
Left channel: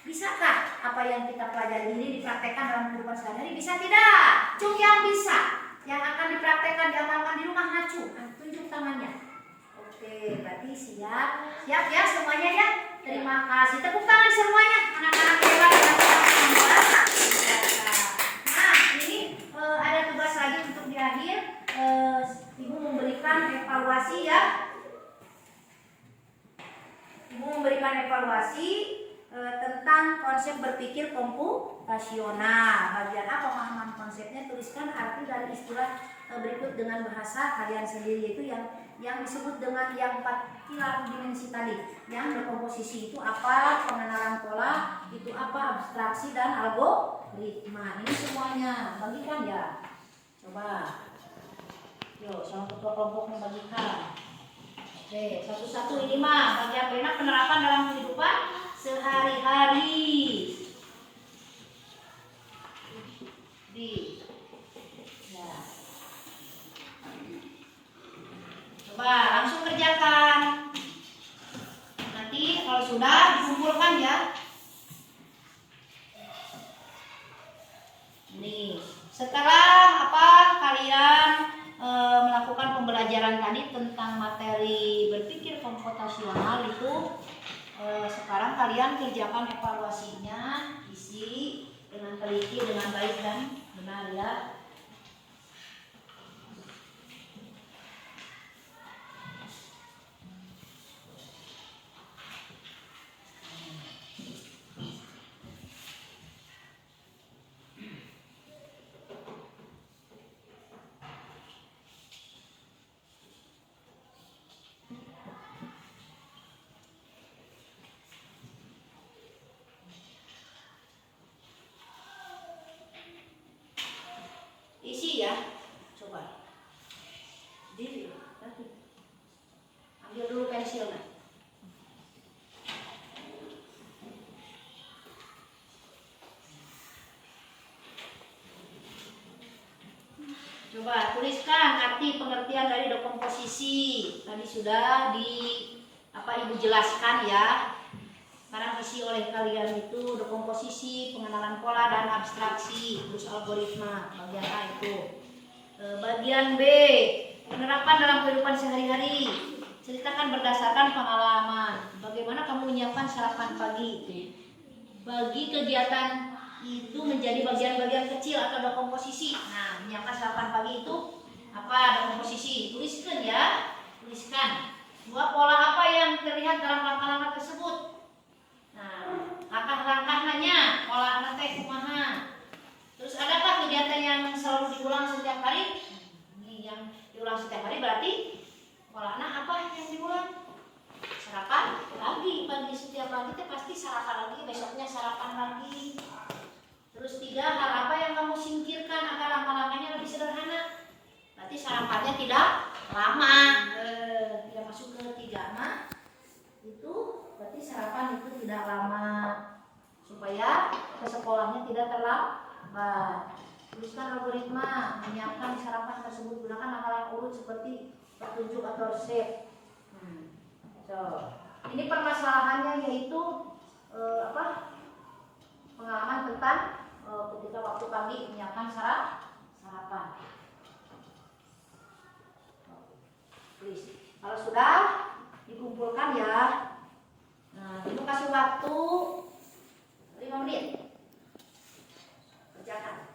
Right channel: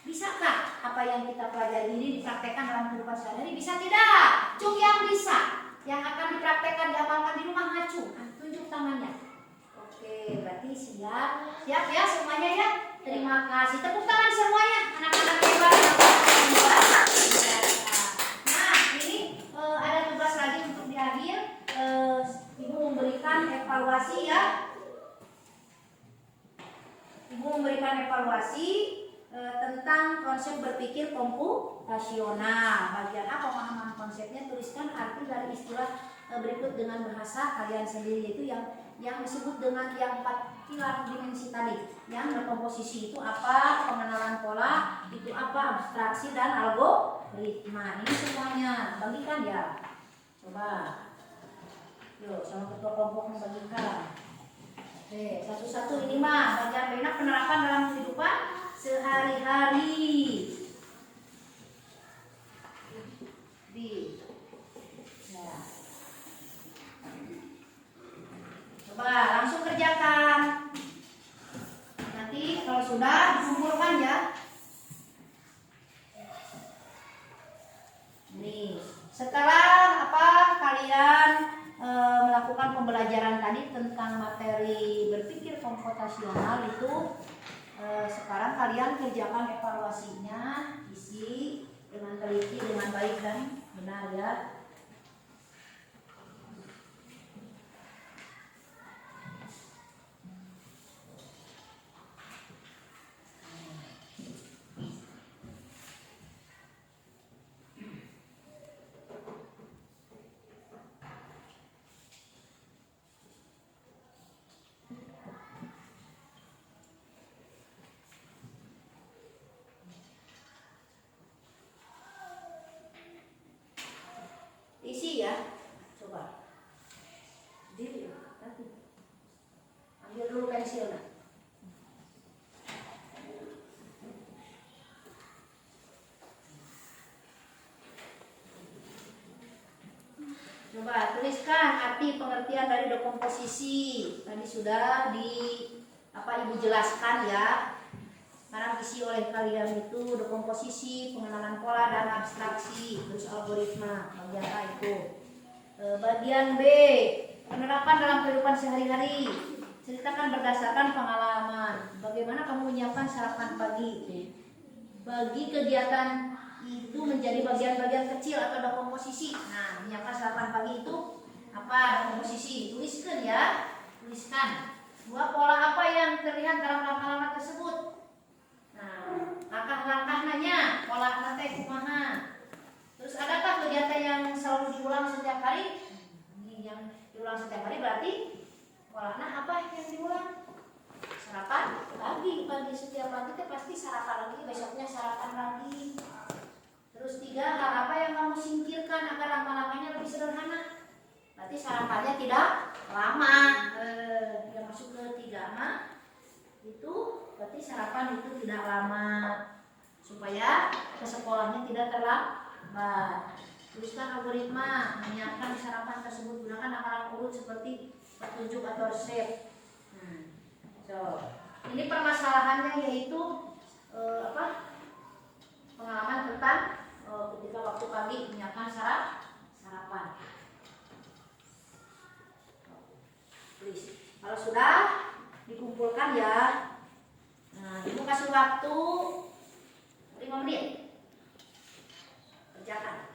Bisakah apa yang kita pelajari ini dipraktekkan dalam kehidupan sehari-hari? Bisa tidak? Cung yang bisa. Yang akan dipraktekkan, diamalkan di rumah, ngacu, tunjuk tangannya. Oke, berarti siap ya semuanya ya. Terima kasih, tepuk tangan semuanya, anak-anak hebat. Nah, ini ada tugas lagi untuk di akhir. Ibu memberikan evaluasi ya. Ibu memberikan evaluasi tentang konsep berpikir komputasional. Bagian A, pemahaman konsepnya, tuliskan arti dari istilah berikut dengan bahasa kalian sendiri, yaitu yang disebut dengan yang 4 pilar dimensi tadi. Yang berkomposisi itu apa, pengenalan pola itu apa, abstraksi dan algoritma. Ini semuanya bagikan ya. Coba yuk sama ketua kelompoknya bagikan. Oke, satu-satu ini mah bagian benak penerapan dalam kehidupan sehari-hari. Ya. Coba langsung kerjakan. Nanti kalau sudah dikumpulkan ya. Nih, setelah kalian melakukan pembelajaran tadi tentang materi berpikir komputasional itu, sekarang kalian kerjakan evaluasinya, isi dengan teliti, dengan baik dan benar ya. Coba tuliskan arti pengertian dari dekomposisi. Tadi sudah Ibu jelaskan ya. Sekarang isi oleh kalian itu dekomposisi, pengenalan pola dan abstraksi, terus algoritma. Bagian A itu. Bagian B, penerapan dalam kehidupan sehari-hari. Ceritakan berdasarkan pengalaman. Bagaimana kamu menyiapkan sarapan pagi? Bagi kegiatan itu menjadi bagian-bagian kecil atau dekomposisi. Nah, menyiapkan sarapan pagi itu apa dekomposisi? Tuliskan ya, tuliskan. Dua pola apa yang terlihat dalam langkah-langkah tersebut? Nah, langkah-langkahnya, pola rantai kumaha. Terus adakah kegiatan yang selalu diulang setiap hari? Ini yang diulang setiap hari berarti polanya apa yang diulang? Sarapan pagi setiap pagi itu pasti sarapan lagi, besoknya sarapan lagi. Terus 3, hal apa yang kamu singkirkan agar langkah-langkahnya lebih sederhana? Berarti sarapannya tidak lama. Tidak masuk ke 3 mah itu berarti sarapan itu tidak lama supaya ke sekolahnya tidak terlambat. Tuliskan algoritma menyiapkan sarapan tersebut, gunakan langkah-langkah urut seperti petunjuk atau resep. Ini permasalahannya yaitu pengalaman tentang ketika waktu pagi menyiapkan sarapan. Tulis. Kalau sudah dikumpulkan ya, nah ibu kasih waktu 5 menit. Kerjakan.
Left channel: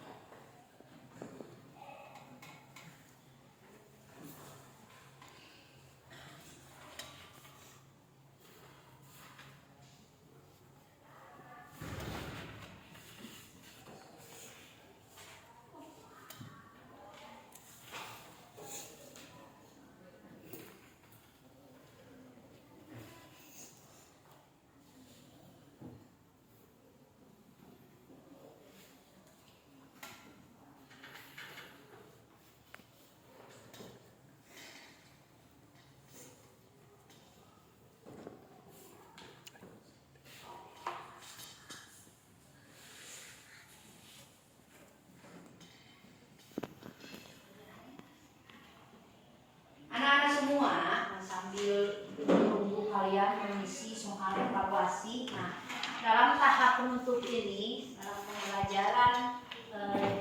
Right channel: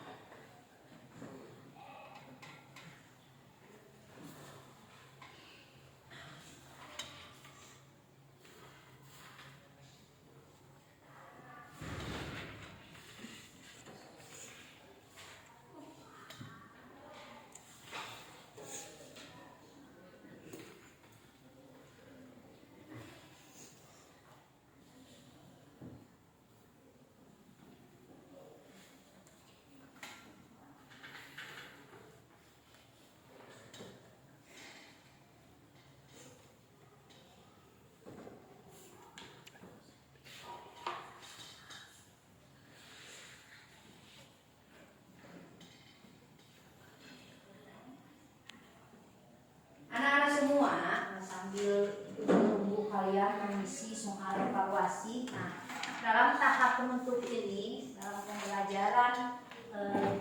Anak-anak semua sambil menunggu kalian mengisi soal evaluasi. Nah, dalam tahap penutup ini, dalam pembelajaran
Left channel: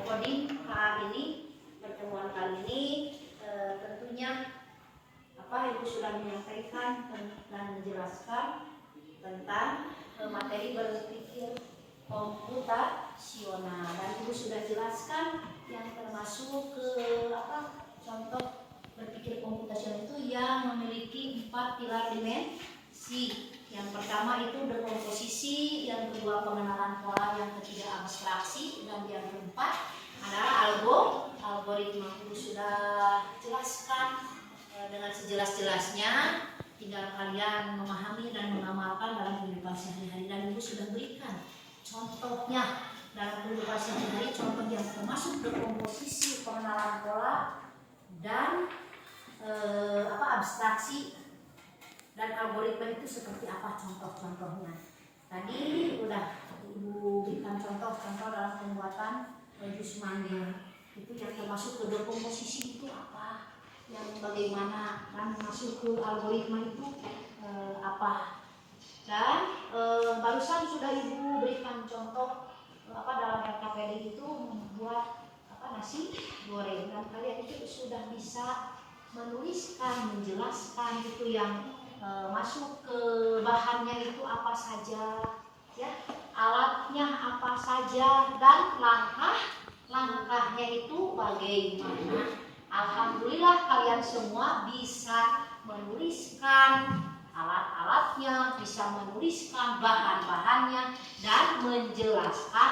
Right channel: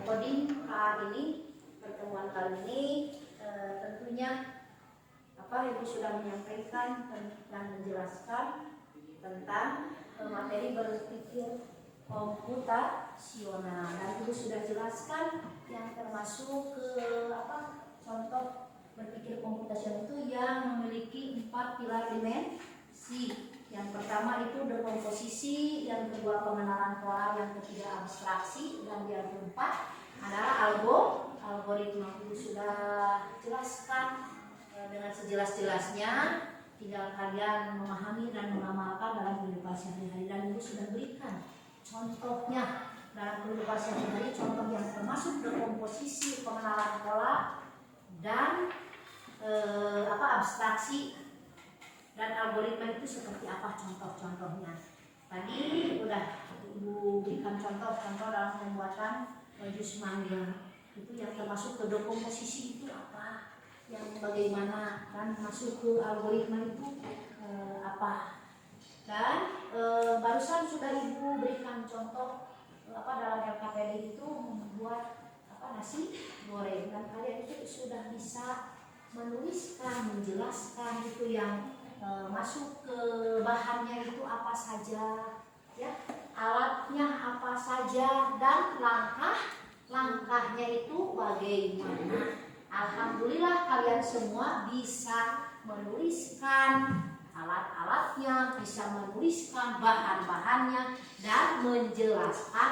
coding KA ini, pertemuan kali ini, tentunya Ibu sudah menyampaikan dan menjelaskan tentang materi berpikir komputasional, dan Ibu sudah jelaskan yang termasuk contoh berpikir komputasional itu yang memiliki 4 pilar dimensi. Yang pertama itu dekomposisi, yang kedua pengenalan pola, yang ketiga abstraksi, dan yang keempat adalah algoritma. Ibu sudah jelaskan dengan sejelas-jelasnya, tinggal kalian memahami dan mengamalkan dalam kehidupan sehari-hari, dan Ibu sudah berikan contohnya dalam kehidupan sehari-hari, contoh yang termasuk dekomposisi, pengenalan pola, dan abstraksi dan algoritma itu seperti apa contoh-contohnya. Tadi udah Ibu berikan contoh-contoh dalam pembuatan jus mangga. Itu yang termasuk ke dekomposisi itu apa, yang bagaimana, dan masuk ke algoritma itu apa. Dan barusan sudah Ibu berikan contoh dalam RKPD itu membuat nasi goreng, dan kalian itu sudah bisa menuliskan, menjelaskan itu yang masuk ke bahannya itu apa saja, ya, alatnya apa saja, dan langkahnya itu bagaimana. Alhamdulillah kalian semua bisa menuliskan alat-alatnya, bisa menuliskan bahan-bahannya, dan menjelaskan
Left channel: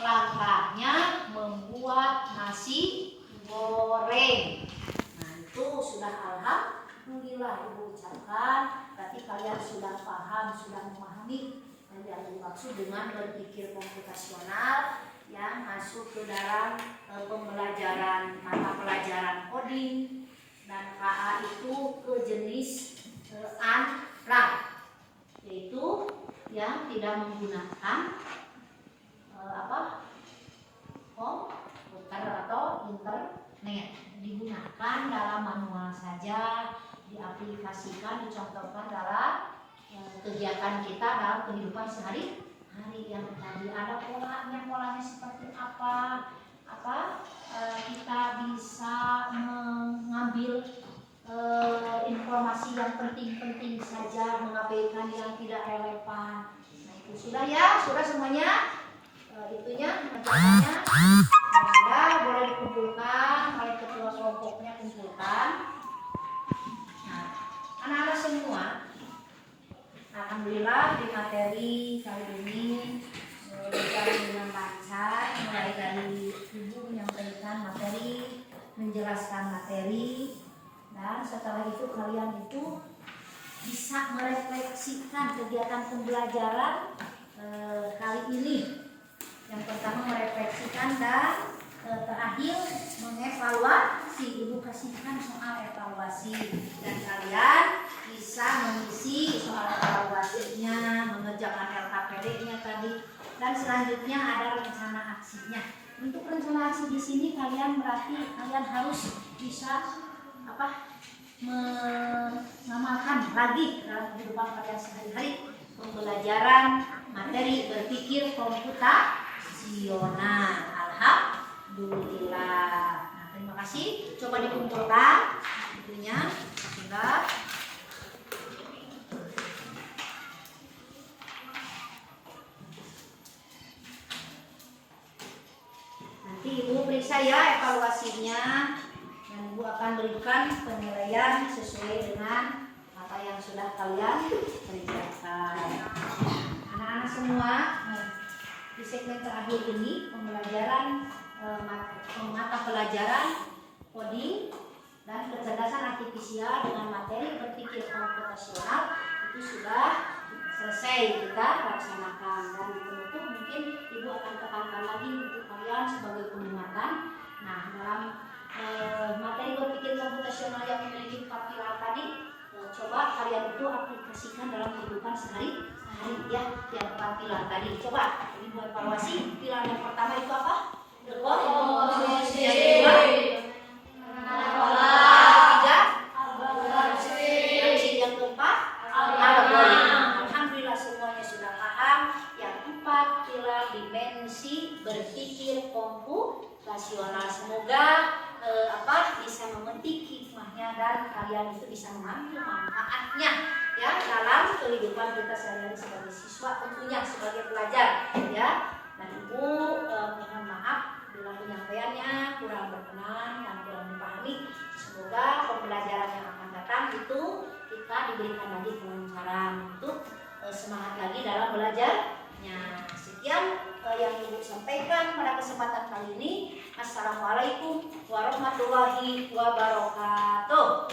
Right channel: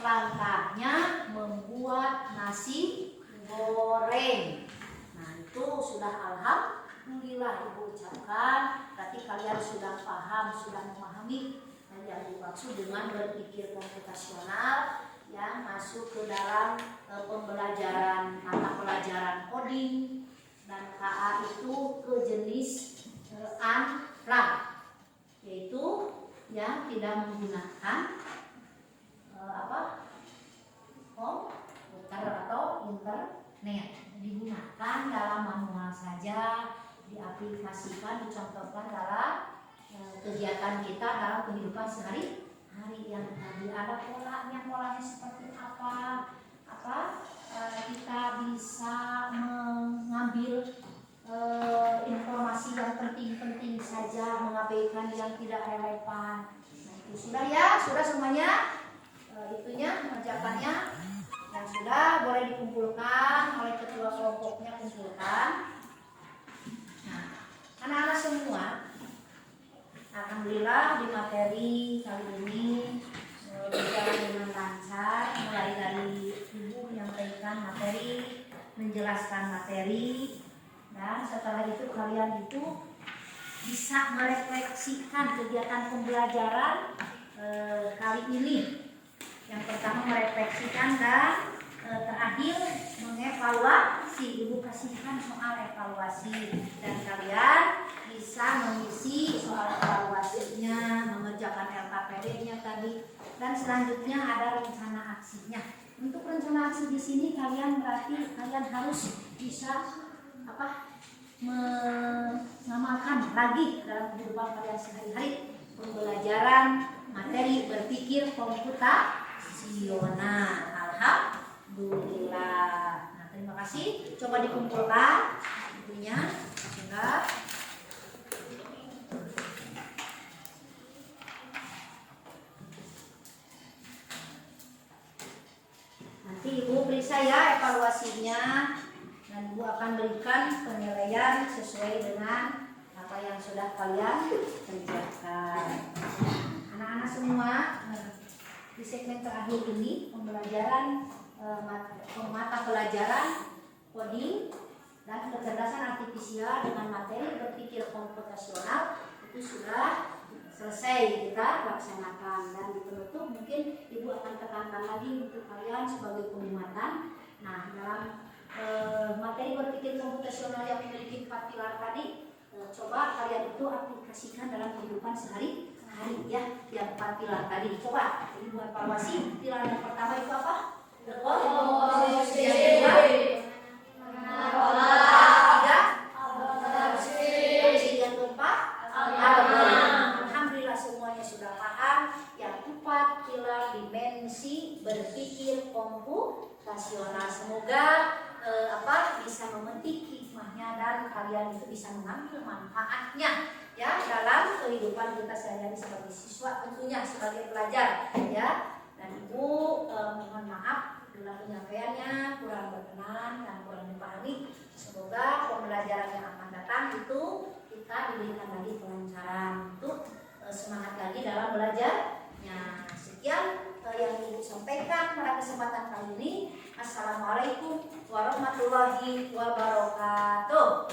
langkahnya membuat nasi goreng. Nah, itu sudah alhamdulillah Ibu ucapkan. Berarti kalian sudah paham, sudah memahami yang dimaksud dengan berpikir komputasional yang masuk ke dalam pembelajaran mata pelajaran coding, dan KA itu ke jenis unplugged, yaitu yang tidak menggunakan komputer atau internet. digunakan dalam manual saja, diaplikasikan, dicontohkan dalam kegiatan kita dalam kehidupan sehari-hari. Yang tadi ada polanya seperti apa kita bisa mengambil informasi yang penting-penting saja, mengabaikan yang tidak relevan. Nah itu sudah ya, sudah semuanya. Itunya ajakannya sudah, boleh dikumpulkan oleh ketua kelompoknya, kumpulkan. Nah, anak-anak semua, alhamdulillah di materi kali ini berjalan dengan lancar, mulai dari ibu menyampaikan materi, menjelaskan materi, dan setelah itu kalian itu bisa merefleksikan kegiatan pembelajaran kali ini. Yang pertama merefleksikan dan terakhir mengevaluasi. Ibu kasihkan soal evaluasi dan kalian bisa mengisi soal evaluasinya, mengerjakan LKPD-nya tadi, dan selanjutnya ada rencana aksinya. Untuk rencana aksi di sini kalian berarti kalian harus bisa mengamalkan lagi dalam kehidupan kalian sehari-hari pembelajaran materi berpikir komputasional. Alhamdulillah. Nah, terima kasih. Coba dikumpulkan itunya sehingga nanti ibu periksa ya evaluasinya, dan ibu akan berikan penilaian sesuai dengan apa yang sudah kalian kerjakan. Anak-anak semua, di segmen terakhir ini pembelajaran mata pelajaran coding dan kecerdasan artifisial dengan materi berpikir komputasional itu sudah selesai kita laksanakan. Dan di penutup mungkin ibu akan tekankan lagi untuk kalian sebagai pengingat. Nah, dalam materi berpikir komputasional yang memiliki 4 pilar tadi, coba kalian itu aplikasikan dalam kehidupan sehari-hari ya, yang 4 pilar tadi. Coba ibu evaluasi. Pilar yang pertama itu apa? Posisi. Yang kedua yang keempat algoritma. Semuanya sudah paham yang 4 pilar dimensi berpikir komputasional. Semoga bisa memetik hikmahnya dan kalian itu bisa mengambil manfaatnya ya dalam kehidupan kita sehari-hari sebagai siswa, tentunya sebagai pelajar ya. Dan ibu mohon maaf bila penyampaiannya kurang berkenan dan kurang dipahami. Semoga pembelajaran yang akan datang itu kita diberikan lagi kelancaran untuk semangat lagi dalam belajarnya. Sekian yang ibu sampaikan pada kesempatan kali ini. Assalamualaikum warahmatullahi wabarakatuh.